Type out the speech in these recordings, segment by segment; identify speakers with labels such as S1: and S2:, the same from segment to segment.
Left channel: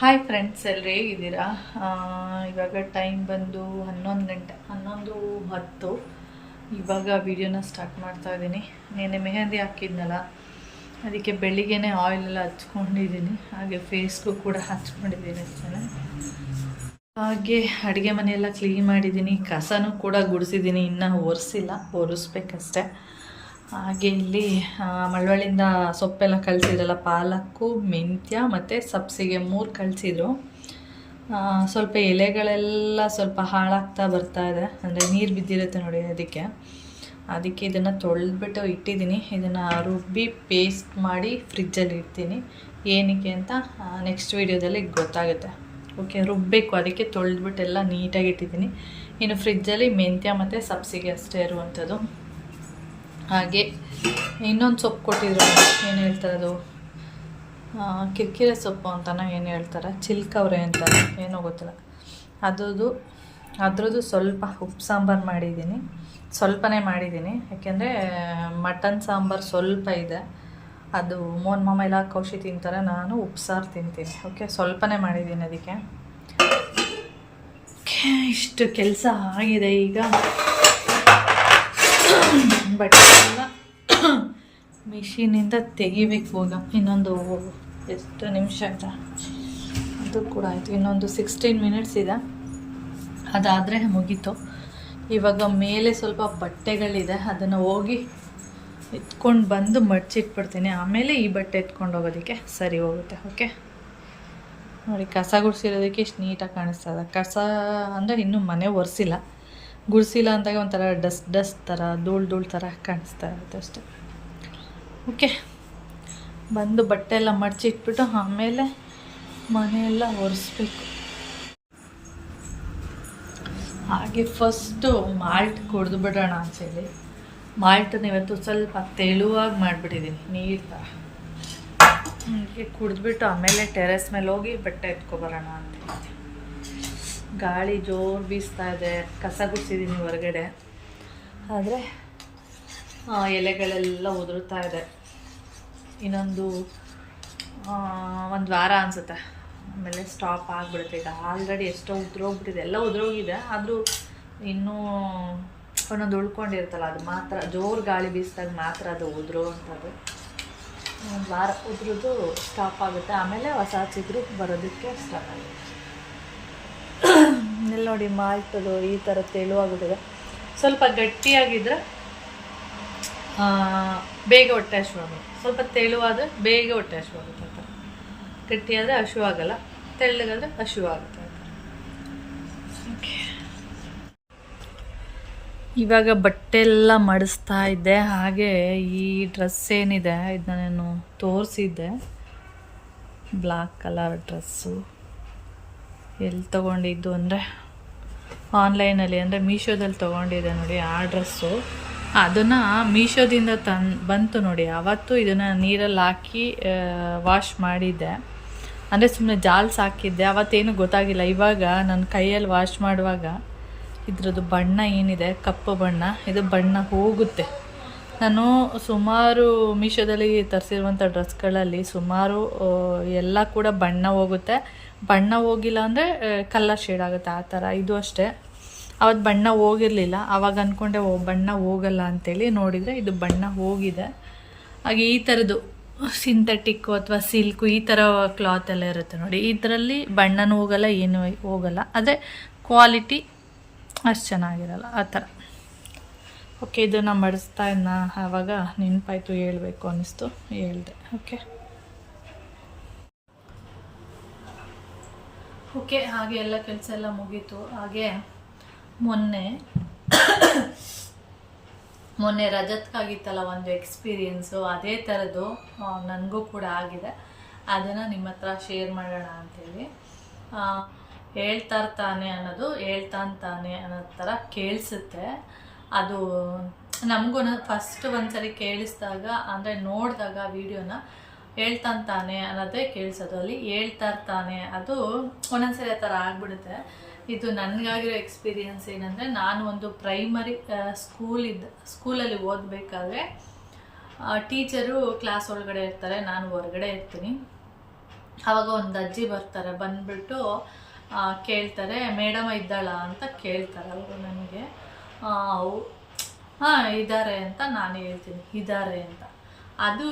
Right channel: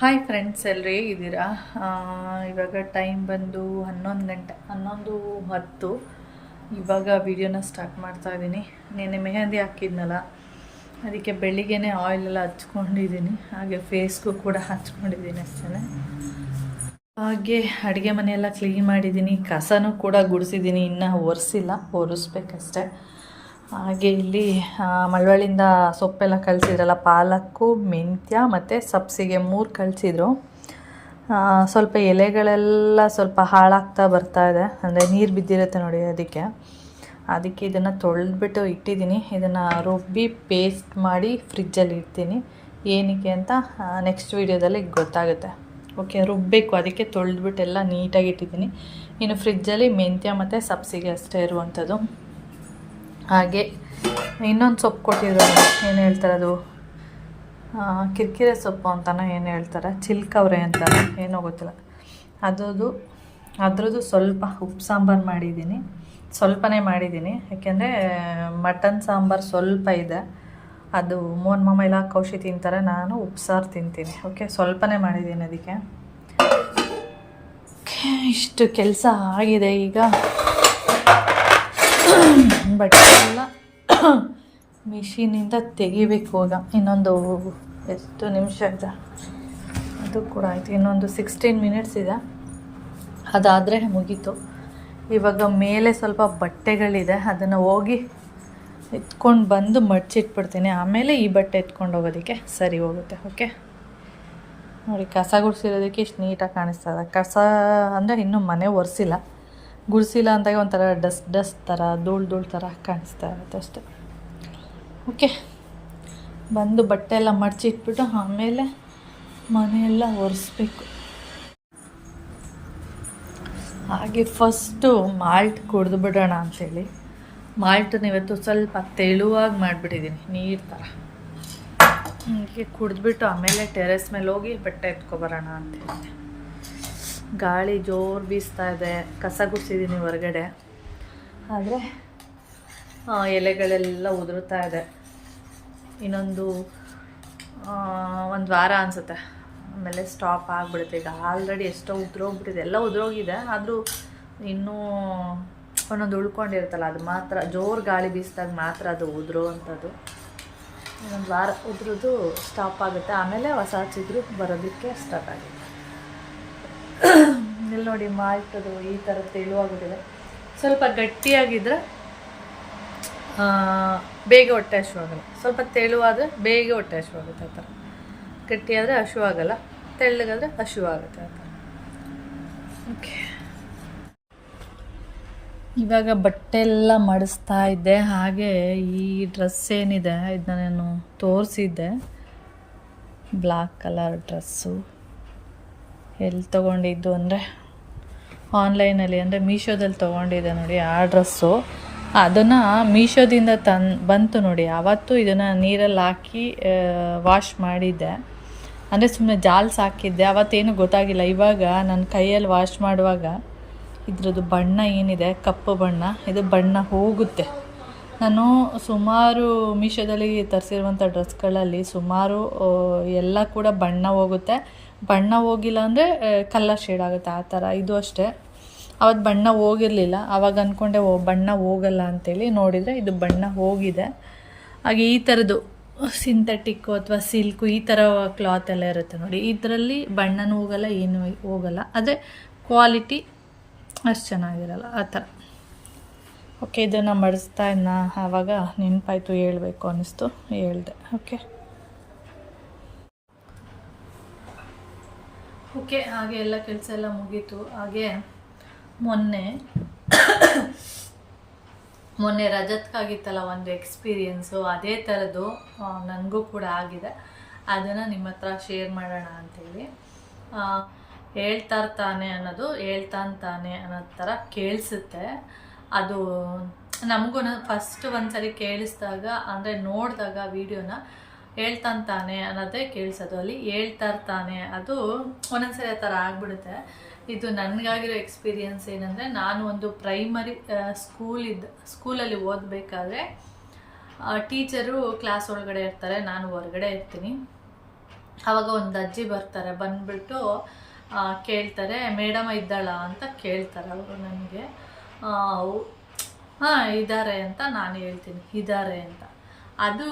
S1: Hi friends ಎಲ್ಲರೂ ಹೇಗಿದ್ದೀರಾ ಇವಾಗ ಟೈಮ್ ಬಂದು ಹನ್ನೊಂದು ಗಂಟೆ, ಹನ್ನೊಂದು ಹತ್ತು. ಇವಾಗ ವಿಡಿಯೋನ ಸ್ಟಾರ್ಟ್ ಮಾಡ್ತಾ ಇದ್ದೀನಿ. ನೆನ್ನೆ ಮೆಹಂದಿ ಹಾಕಿದ್ನಲ್ಲ, ಅದಕ್ಕೆ ಬೆಳಿಗ್ಗೆನೇ ಆಯಿಲೆಲ್ಲ ಹಚ್ಕೊಂಡಿದ್ದೀನಿ. ಹಾಗೆ ಫೇಸ್ಗೂ ಕೂಡ ಹಚ್ಕೊಂಡಿದ್ದೀನಿ ಅಷ್ಟೇ ಹಾಗೆ ಅಡುಗೆ ಮನೆಯೆಲ್ಲ ಕ್ಲೀನ್ ಮಾಡಿದ್ದೀನಿ. ಕಸನೂ ಕೂಡ ಗುಡಿಸಿದ್ದೀನಿ, ಇನ್ನೂ ಒರೆಸಿಲ್ಲ, ಒರೆಸ್ಬೇಕಷ್ಟೆ. ಹಾಗೆ ಇಲ್ಲಿ ಮಳವಳ್ಳಿಂದ ಸೊಪ್ಪೆಲ್ಲ ಕಳಿಸಿದ್ರಲ್ಲ, ಪಾಲಕ್ಕು, ಮೆಂತ್ಯ ಮತ್ತು ಸಬ್ಸಿಗೆ ಮೂರು ಕಳಿಸಿದ್ರು. ಸ್ವಲ್ಪ ಎಲೆಗಳೆಲ್ಲ ಸ್ವಲ್ಪ ಹಾಳಾಗ್ತಾ ಬರ್ತಾ ಇದೆ, ಅಂದರೆ ನೀರು ಬಿದ್ದಿರುತ್ತೆ ನೋಡಿ ಅದಕ್ಕೆ. ಅದಕ್ಕೆ ಇದನ್ನು ತೊಳೆದ್ಬಿಟ್ಟು ಇಟ್ಟಿದ್ದೀನಿ. ಇದನ್ನು ರುಬ್ಬಿ ಪೇಸ್ಟ್ ಮಾಡಿ ಫ್ರಿಜ್ಜಲ್ಲಿ ಇಡ್ತೀನಿ. ಏನಕ್ಕೆ ಅಂತ ನೆಕ್ಸ್ಟ್ ವೀಡಿಯೋದಲ್ಲಿ ಗೊತ್ತಾಗುತ್ತೆ. ಓಕೆ ರುಬ್ಬಬೇಕು ಅದಕ್ಕೆ ತೊಳೆದ್ಬಿಟ್ಟು ಎಲ್ಲ ನೀಟಾಗಿ ಇಟ್ಟಿದ್ದೀನಿ. ಇನ್ನು ಫ್ರಿಜ್ಜಲ್ಲಿ ಮೆಂತ್ಯ ಮತ್ತು ಸಬ್ಸಿಗೆ ಅಷ್ಟೇ ಇರುವಂಥದ್ದು. ಹಾಗೆ ಇನ್ನೊಂದು ಸೊಪ್ಪು ಕೊಟ್ಟಿದ್ರು ಏನು ಹೇಳ್ತಾರೆ ಅದು? ಕಿರಿಕಿರೆ ಸೊಪ್ಪು ಅಂತನೋ ಏನು ಹೇಳ್ತಾರೆ? ಚಿಲ್ಕವ್ರೆ ಅಂತ ಏನೋ ಗೊತ್ತಿಲ್ಲ. ಅದ್ರದ್ದು, ಅದರದ್ದು ಸ್ವಲ್ಪ ಉಪ್ಪು ಸಾಂಬಾರು ಮಾಡಿದ್ದೀನಿ. ಸ್ವಲ್ಪನೇ ಮಾಡಿದ್ದೀನಿ. ಯಾಕೆಂದರೆ, ಮಟನ್ ಸಾಂಬಾರು ಸ್ವಲ್ಪ ಇದೆ. ಅದು ಮೋನ್ ಮಾಮ ಎಲ್ಲ ಕೌಶಿ ತಿಂತಾರೆ, ನಾನು ಉಪ್ಸಾರು ತಿಂತೀನಿ. ಓಕೆ, ಸ್ವಲ್ಪನೇ ಮಾಡಿದ್ದೀನಿ ಅದಕ್ಕೆ. ಇಷ್ಟು ಕೆಲಸ ಆಗಿದೆ ಈಗ. ಬಟ್ಟೆ ಎಲ್ಲ ಮಿಷಿನಿಂದ ತೆಗಿಬೇಕು ಹೋಗ ಇನ್ನೊಂದು ಎಷ್ಟು ನಿಮಿಷ ಇದೆ ಅದು ಕೂಡ ಆಯಿತು. ಇನ್ನೊಂದು ಸಿಕ್ಸ್ಟೀನ್ ಮಿನಿಟ್ಸ್ ಇದೆ. ಅದಾದರೆ ಮುಗೀತು. ಇವಾಗ ಮೇಲೆ ಸ್ವಲ್ಪ ಬಟ್ಟೆಗಳಿದೆ. ಅದನ್ನು ಹೋಗಿ ಎತ್ಕೊಂಡು ಬಂದು ಮಡ್ಚಿಟ್ಬಿಡ್ತೀನಿ. ಆಮೇಲೆ ಈ ಬಟ್ಟೆ ಎತ್ಕೊಂಡು ಹೋಗೋದಕ್ಕೆ ಸರಿ ಹೋಗುತ್ತೆ. ಓಕೆ? ನೋಡಿ, ಕಸ ಗುಡಿಸಿರೋದಕ್ಕೆ ಇಷ್ಟು ನೀಟಾಗಿ ಕಾಣಿಸ್ತದೆ ಕಸ ಅಂದರೆ ಇನ್ನೂ ಮನೆ ಒರೆಸಿಲ್ಲ. ಗುಡಿಸಿಲ್ಲ ಅಂದಾಗ ಒಂಥರ ಡಸ್ಟ್ ಡಸ್ಟ್ ಥರ, ಧೂಳು ಧೂಳು ಥರ ಕಾಣಿಸ್ತಾ ಇರುತ್ತೆ ಅಷ್ಟೆ. ಓಕೆ. ಬಂದು ಬಟ್ಟೆ ಎಲ್ಲ ಮಡಚಿ ಇಟ್ಬಿಟ್ಟು ಆಮೇಲೆ ಮನೆಯೆಲ್ಲ ಒರೆಸ್ಬೇಕು. ಹಾಗೆ ಫಸ್ಟು ಮಾಲ್ಟ್ ಕುಡಿದು ಬಿಡೋಣ ಅಂತೇಳಿ ಮಾಲ್ಟನ್ನ ಇವತ್ತು ಸ್ವಲ್ಪ ತೆಳುವಾಗಿ ಮಾಡಿಬಿಟ್ಟಿದ್ದೀನಿ, ನೀರು ಥರ ಹೀಗೆ ಕುಡಿದ್ಬಿಟ್ಟು ಆಮೇಲೆ ಟೆರೆಸ್ ಮೇಲೆ ಹೋಗಿ ಬಟ್ಟೆ ಎತ್ಕೊಬರೋಣ ಅಂತ ಗಾಳಿ ಜೋರು ಬೀಸ್ತಾ ಇದೆ. ಕಸ ಗುಡ್ಸಿದ್ದೀನಿ ಹೊರಗಡೆ. ಆದರೆ ಎಲೆಗಳೆಲ್ಲ ಉದುರುತ್ತಾ ಇದೆ. ಇನ್ನೊಂದು ಒಂದು ವಾರ ಅನಿಸುತ್ತೆ. ಆಮೇಲೆ ಸ್ಟಾಪ್ ಆಗಿಬಿಡುತ್ತೆ. ಈಗ ಆಲ್ರೆಡಿ ಎಷ್ಟೋ ಉದುರೋಗ್ಬಿಟ್ಟಿದೆ. ಎಲ್ಲ ಉದುರೋಗಿದೆ. ಆದರೂ ಇನ್ನೂ ಒಂದೊಂದು ಉಳ್ಕೊಂಡಿರುತ್ತಲ್ಲ, ಅದು ಮಾತ್ರ, ಜೋರು ಗಾಳಿ ಬೀಸಿದಾಗ ಮಾತ್ರ ಅದು ಉದುರುವಂಥದ್ದು. ಇನ್ನೊಂದು ವಾರ ಉದ್ರದ್ದು ಸ್ಟಾಪ್ ಆಗುತ್ತೆ. ಆಮೇಲೆ ಹೊಸ ಬರೋದಿಕ್ಕೆ ಬರೋದಕ್ಕೆ ಸ್ಟಾರ್ಟ್ ಆಗುತ್ತೆ. ನೋಡಿ ಮಾಲ್ಟದು ಈ ಥರ ತೆಳುವಾಗಿದೆ. ಸ್ವಲ್ಪ ಗಟ್ಟಿಯಾಗಿದ್ದರೆ ಬೇಗ ಹೊಟ್ಟೆ ಹಶುವಾಗಲ್ಲ ಸ್ವಲ್ಪ ತೆಳುವಾದರೆ ಬೇಗ ಹೊಟ್ಟೆ ಹಶುವಾಗುತ್ತೆ ಆ ಥರ. ಗಟ್ಟಿಯಾದರೆ ಹಶುವಾಗಲ್ಲ ತೆಳ್ಳಗಾದರೆ ಹಶುವಾಗುತ್ತೆ ಆ ಥರ. ಓಕೆ. ಇವಾಗ ಬಟ್ಟೆ ಎಲ್ಲ ಮಡಿಸ್ತಾ ಇದ್ದೆ. ಹಾಗೆ ಈ ಡ್ರೆಸ್ ಏನಿದೆ ಇದನ್ನ ನಾನು ತೋರಿಸಿದ್ದೆ. Black colour dress. ಎಲ್ಲಿ ತೊಗೊಂಡಿದ್ದು ಅಂದರೆ ಆನ್ಲೈನಲ್ಲಿ, ಅಂದರೆ ಮೀಶೋದಲ್ಲಿ ತೊಗೊಂಡಿದ್ದೆ ನೋಡಿ ಆ ಡ್ರೆಸ್ಸು. ಅದನ್ನು ಮೀಶೋದಿಂದ ತನ್, ಬಂತು ನೋಡಿ ಆವತ್ತು ಇದನ್ನು ನೀರಲ್ಲಿ ಹಾಕಿ ವಾಶ್ ಮಾಡಿದ್ದೆ. ಅಂದರೆ ಸುಮ್ಮನೆ ಜಾಲ್ಸ್ ಹಾಕಿದ್ದೆ ಆವತ್ತೇನು ಗೊತ್ತಾಗಿಲ್ಲ. ಇವಾಗ ನನ್ನ ಕೈಯಲ್ಲಿ ವಾಶ್ ಮಾಡುವಾಗ ಇದ್ರದ್ದು ಬಣ್ಣ ಏನಿದೆ, ಕಪ್ಪು ಬಣ್ಣ, ಇದು ಬಣ್ಣ ಹೋಗುತ್ತೆ. ನಾನು ಸುಮಾರು ಮೀಶೋದಲ್ಲಿ ತರಿಸಿರುವಂಥ ಡ್ರೆಸ್ಗಳಲ್ಲಿ ಸುಮಾರು ಎಲ್ಲ ಕೂಡ ಬಣ್ಣ ಹೋಗುತ್ತೆ. ಬಣ್ಣ ಹೋಗಿಲ್ಲ ಅಂದರೆ ಕಲ್ಲರ್ ಶೇಡ್ ಆಗುತ್ತೆ ಆ ಥರ. ಇದು ಅಷ್ಟೇ. ಅವತ್ತು ಬಣ್ಣ ಹೋಗಿರಲಿಲ್ಲ. ಆವಾಗ ಅಂದ್ಕೊಂಡೆ ಓ, ಬಣ್ಣ ಹೋಗಲ್ಲ ಅಂತೇಳಿ ನೋಡಿದರೆ ಇದು ಬಣ್ಣ ಹೋಗಿದೆ. ಹಾಗೆ ಈ ಥರದ್ದು ಸಿಂಥೆಟಿಕ್ಕು ಅಥವಾ ಸಿಲ್ಕು ಈ ಥರ ಕ್ಲಾತ್ ಎಲ್ಲ ಇರುತ್ತೆ ನೋಡಿ. ಇದರಲ್ಲಿ ಬಣ್ಣನೂ ಹೋಗಲ್ಲ, ಏನು ಹೋಗಲ್ಲ. ಆದರೆ ಕ್ವಾಲಿಟಿ ಅಷ್ಟು ಚೆನ್ನಾಗಿರಲ್ಲ ಆ ಥರ. ಓಕೆ ಇದನ್ನು ಮಡಿಸ್ತಾ ಇನ್ನ ಆವಾಗ ನೆನಪಾಯ್ತು, ಹೇಳಬೇಕು ಅನ್ನಿಸ್ತು, ಹೇಳಿದೆ. ಓಕೆ ಓಕೆ, ಹಾಗೆ ಎಲ್ಲ ಕೆಲಸ ಎಲ್ಲ ಮುಗೀತು. ಹಾಗೆ ಮೊನ್ನೆ ಮೊನ್ನೆ ರಜತ್ಗಾಗಿತ್ತಲ್ಲ ಒಂದು ಎಕ್ಸ್ಪೀರಿಯೆನ್ಸು ಅದೇ ಥರದ್ದು ನನಗೂ ಕೂಡ ಆಗಿದೆ. ಅದನ್ನು ನಿಮ್ಮ ಹತ್ರ ಶೇರ್ ಮಾಡೋಣ ಅಂಥೇಳಿ ಹೇಳ್ತಾ ಇರ್ತಾನೆ ಅನ್ನೋದು ಹೇಳ್ತಾನೆ ತಾನೆ ಅನ್ನೋ ಥರ ಕೇಳಿಸುತ್ತೆ. ಅದು ನಮಗೂ ಫಸ್ಟ್ ಒಂದ್ಸರಿ ಕೇಳಿಸಿದಾಗ, ಅಂದರೆ ನೋಡಿದಾಗ ವಿಡಿಯೋನ ಹೇಳ್ತಾನೆ ತಾನೆ ಅನ್ನೋದೇ ಕೇಳಿಸೋದು. ಅಲ್ಲಿ ಹೇಳ್ತಾ ಇರ್ತಾನೆ ಅದು ಒಂದೊಂದ್ಸರಿ ಆ ಥರ ಆಗ್ಬಿಡುತ್ತೆ. ಇದು ನನಗಾಗಿರೋ ಎಕ್ಸ್ಪೀರಿಯನ್ಸ್ ಏನಂದರೆ, ನಾನು ಒಂದು ಪ್ರೈಮರಿ ಸ್ಕೂಲ್ ಇದ್ದ, ಸ್ಕೂಲಲ್ಲಿ ಓದಬೇಕಾದ್ರೆ ಟೀಚರು ಕ್ಲಾಸ್ ಒಳಗಡೆ ಇರ್ತಾರೆ, ನಾನು ಹೊರಗಡೆ ಇರ್ತೀನಿ. ಆವಾಗ ಒಂದು ಅಜ್ಜಿ ಬರ್ತಾರೆ, ಬಂದುಬಿಟ್ಟು ಕೇಳ್ತಾರೆ, ಮೇಡಮ ಇದ್ದಾಳ? ಅಂತ ಕೇಳ್ತಾರೆ ಅವರು ನನಗೆ. ಹಾಂ ಇದ್ದಾರೆ ಅಂತ ನಾನು ಹೇಳ್ತೀನಿ. ಇದ್ದಾರೆ ಅಂತ. ಅದು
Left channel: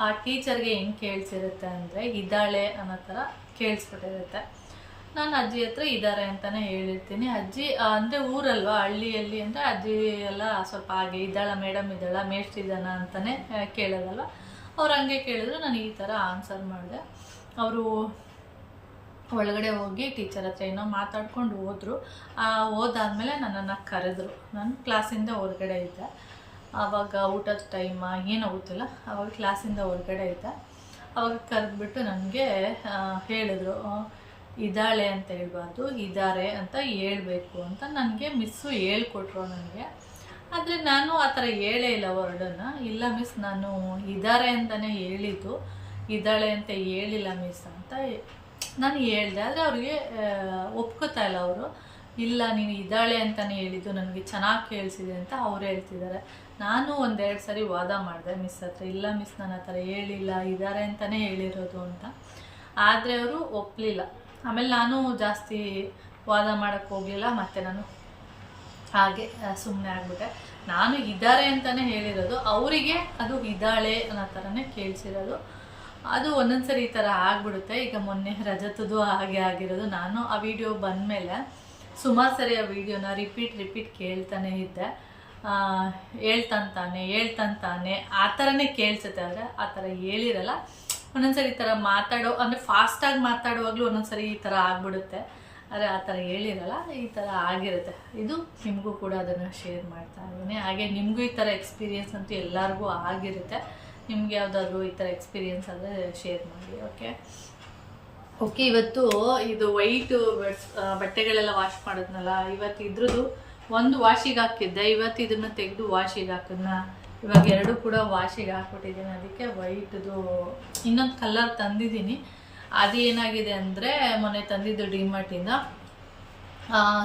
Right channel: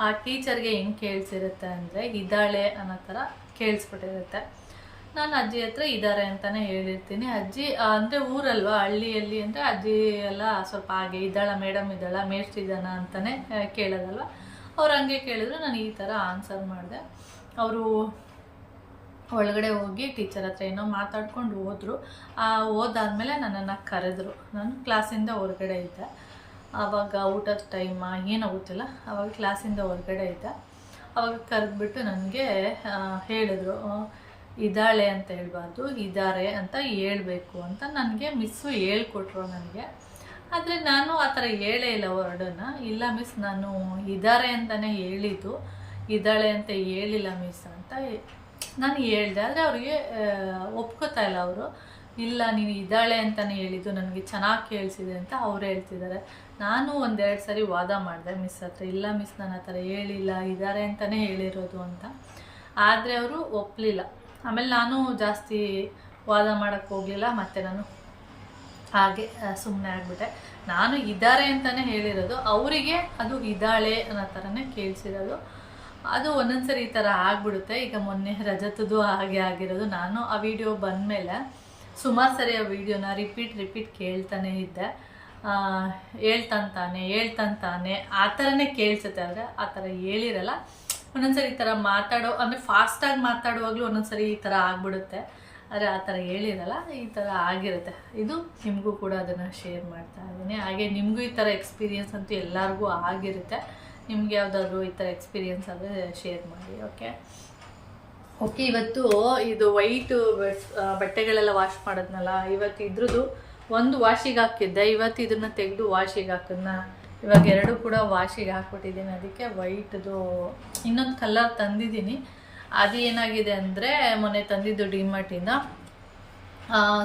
S1: ಆ ಟೀಚರ್ಗೆ ಹೆಂಗ್ ಕೇಳಿಸಿರುತ್ತೆ ಅಂದರೆ ಇದ್ದಾಳೆ ಅನ್ನೋ ಥರ ಕೇಳಿಸ್ಬಿಟ್ಟಿರುತ್ತೆ. ನಾನು ಅಜ್ಜಿ ಹತ್ರ ಇದ್ದಾರೆ ಅಂತಲೇ ಹೇಳಿರ್ತೀನಿ. ಅಜ್ಜಿ ಅಂದರೆ ಊರಲ್ವಾ, ಹಳ್ಳಿಯಲ್ಲಿ ಅಂದರೆ ಅಜ್ಜಿ ಎಲ್ಲ ಸ್ವಲ್ಪ ಹಾಗೆ ಇದ್ದಾಳ, ಮೇಡಮ್ ಇದ್ದಾಳ, ಮೇಷ್ಟಿದ್ದಾನ ಅಂತಲೇ ಕೇಳೋದಲ್ವ? ಅವ್ರು ಹಂಗೆ ಕೇಳಿದ್ರು ನಾನು ಈ ಥರ ಆನ್ಸರ್ ಮಾಡಿದೆ. ಅವರು ಒಳಗಡೆ ಹೋಗಿ ಟೀಚರ್ ಹತ್ರ ಏನೋ ಮಾತಾಡ್ಕೊಂಡು ಹೋದ್ರು. ಆ, ಹೋದಾದ್ಮೇಲೆ ನನ್ನನ್ನು ಕರೆದ್ರು. ನಾನು ಕ್ಲಾಸಿಂದ ಹೊರಗಡೆ ಇದ್ದೆ. ಆವಾಗ ಊಟದ ಟೈಮ ಏನೋ ಗೊತ್ತಿಲ್ಲ ಆವಾಗ ಕ್ಲಾಸಿಂದ ಹೊರಗಡೆ ಆಯ್ತಾ? ಆವಾಗ ಕರೆದ್ಬಿಟ್ಟು ನನಗೆ ಹೇಳಿದ್ರು ಇದ್ದಾಳೆ ಅಂತ ಹೇಳ್ಬಾರ್ದು, ಇದ್ದಾರೆ ಅಂತ ಹೇಳಬೇಕು ಅಂತ ನನಗೆ ಮಿಸ್ಸು ಹೇಳ್ಕೊಟ್ರು ನನಗೆ. ಆದರೆ ನಾನು ಆ ಥರ ಹೇಳೇ ಇಲ್ಲ ವರ್ಡನ್ನು ಇಲ್ಲ ಮಿಸ್ ನಾನು ಇದ್ದಾರೆ ಅಂತಲೇ ಹೇಳಿದ್ದು. ಇದ್ದಾಳೆ ಅಂತ ಹೇಳಿಲ್ಲ ಮಿಸ್ ಅಂತ ನಾನು ಹೇಳಿದೆ. ಆದರೆ ಅವ್ರಿಗೆ ಒಪ್ಕೋತಾ ಇಲ್ಲ ಅವರು. ಇಲ್ಲ, ನೀನು ಇದ್ದಾಳೆ ಅಂತಲೇ ಹೇಳಿದ್ದು, ನನಗೆ ಚೆನ್ನಾಗಿ ಕೇಳಿಸಿದೆ ಅಂತ ಅವ್ರು ಹೇಳ್ತಿದ್ದಾರೆ. ನಾನು ಒಂದೆರಡು ಸರಿ ವಾದ ಮಾಡಿದೆ, ಮಿಸ್ ಹತ್ರ ಇಲ್ಲ, ಮಿಸ್ ನನ್ನ ಹತ್ರ ಹೇಳಿಲ್ಲ ಇದ್ದಾರೆ ಅಂತಲೇ ಹೇಳಿರೋದು ಅಂತ. ಆದರೆ ಅವರು ಒಪ್ಪಲಿಲ್ಲ ಆಮೇಲೆ ನಾನು ಜಾಸ್ತಿ ವಾದ ಮಾಡೋಕ್ಕೆ ಹೋಗಲಿಲ್ಲ, ಮತ್ತು ನಾನು ಹಾಗೆ ಸುಮ್ಮನೆ ಆಗಿಬಿಟ್ಟೆ. ನಾನು ಇದ್ದಾರೆ ಅಂತಲೇ ಹೇಳಿರೋದು. ಅವರಿಗೆ ಅದು ಇದ್ದಾಳೆ ಅನ್ನೋ ಥರನೇ ಕೇಳಿಸಿರೋದು. ಅದು ಒಂದೊಂದು ಸರಿ ಈ ಥರ ಆಗಿಬಿಡುತ್ತೆ. ಈಗ ಮೊನ್ನೆ ರಜತದ್ದು ಹಾಗೆ ಆಗಿರೋದು. ನಾನು ಆ ವಿಡಿಯೋ ಬಂದಮೇಲೆ ಸುಮಾರು ಸರಿ ಆ ವಿಡಿಯೋನ ರಿಪೀಟ್ ರಿಪೀಟ್ ಕೇಳ್ತಾನೆ ಇದ್ದೆ. ಹೇಳ್ತಂತಾನೆ ಹೇಳ್ತಂತಾನೆ, ಆ ಥರನೇ ಕೇಳಿಸುತ್ತೆ. ಆದರೆ ಆ ಥರ ಹೇಳಿರಲ್ಲ. ಒಂದೊಂದ್ಸರಿ ಈ ಥರ ಮಾತಾಡೋ, ಅಂದರೆ ಫಾಸ್ಟಾಗಿ ಮಾತಾಡುವಾಗಲೂ ಒಂದೊಂದ್ಸರಿ ಈ ಥರ ಆಗಿಬಿಡುತ್ತೆ. ಆದರೆ ಆ ಥರ ಹೇಳಿರಲ್ಲ, ಈ ಥರ ಆಗಿರುತ್ತೆ. ಇದು ನಿಮಗೂ ಕೂಡ ಅದನ್ನು ಶೇರ್ ಮಾಡ್ತಾ ಇದ್ದೀನಿ. ಹಾಗೆ ನಿಮಗೂ ಈ ಥರ ಎಕ್ಸ್ಪೀರಿಯೆನ್ಸ್ ಅಂತೂ ಎಲ್ಲರಿಗೂ ಆಗಿರುತ್ತೆ. ನಿಮ್ಗೆ ಯಾವುದಾದ್ರೂ ಈ ಥರ ಎಕ್ಸ್ಪೀರಿಯೆನ್ಸ್ ಆದರೆ ಶೇರ್ ಮಾಡಿ ಓಕೆ ಓಕೆ ಇವತ್ತು ಇದು ವೈಟ್ ಬಟ್ಟೆಗಳೆಲ್ಲ ವಾಶ್ ಮಾಡೋದ್ನಲ್ಲ, ಇವತ್ತು ಇದ್ರದ್ದು ಒಂದು ವಾಶಿಗೆ ಹಾಕಿದ್ದೆ, ಇವತ್ತು ಇದನ್ನು ತೆಗೆದು ವಾಶಿಗೆ ಹಾಕಿದ್ನ? ಇವಾಗ ಎರಡು ಕೂಡ ವಾಶಿಗೆ ಹಾಕ್ಬಿಟ್ಟಿದ್ದೀನಿ. ಅದಕ್ಕೆ ವೈಟ್ದು ಇನ್ನೊಂದು ಕಲರ್ ತಂದಿದ್ದೀನಿ. ಅದು ಏನಾಗಿದೆ ಅಂದರೆ, ಮೊನ್ನೆ ತಂದಿದ್ದು ಡಿಮಾರ್ಟಿಂದ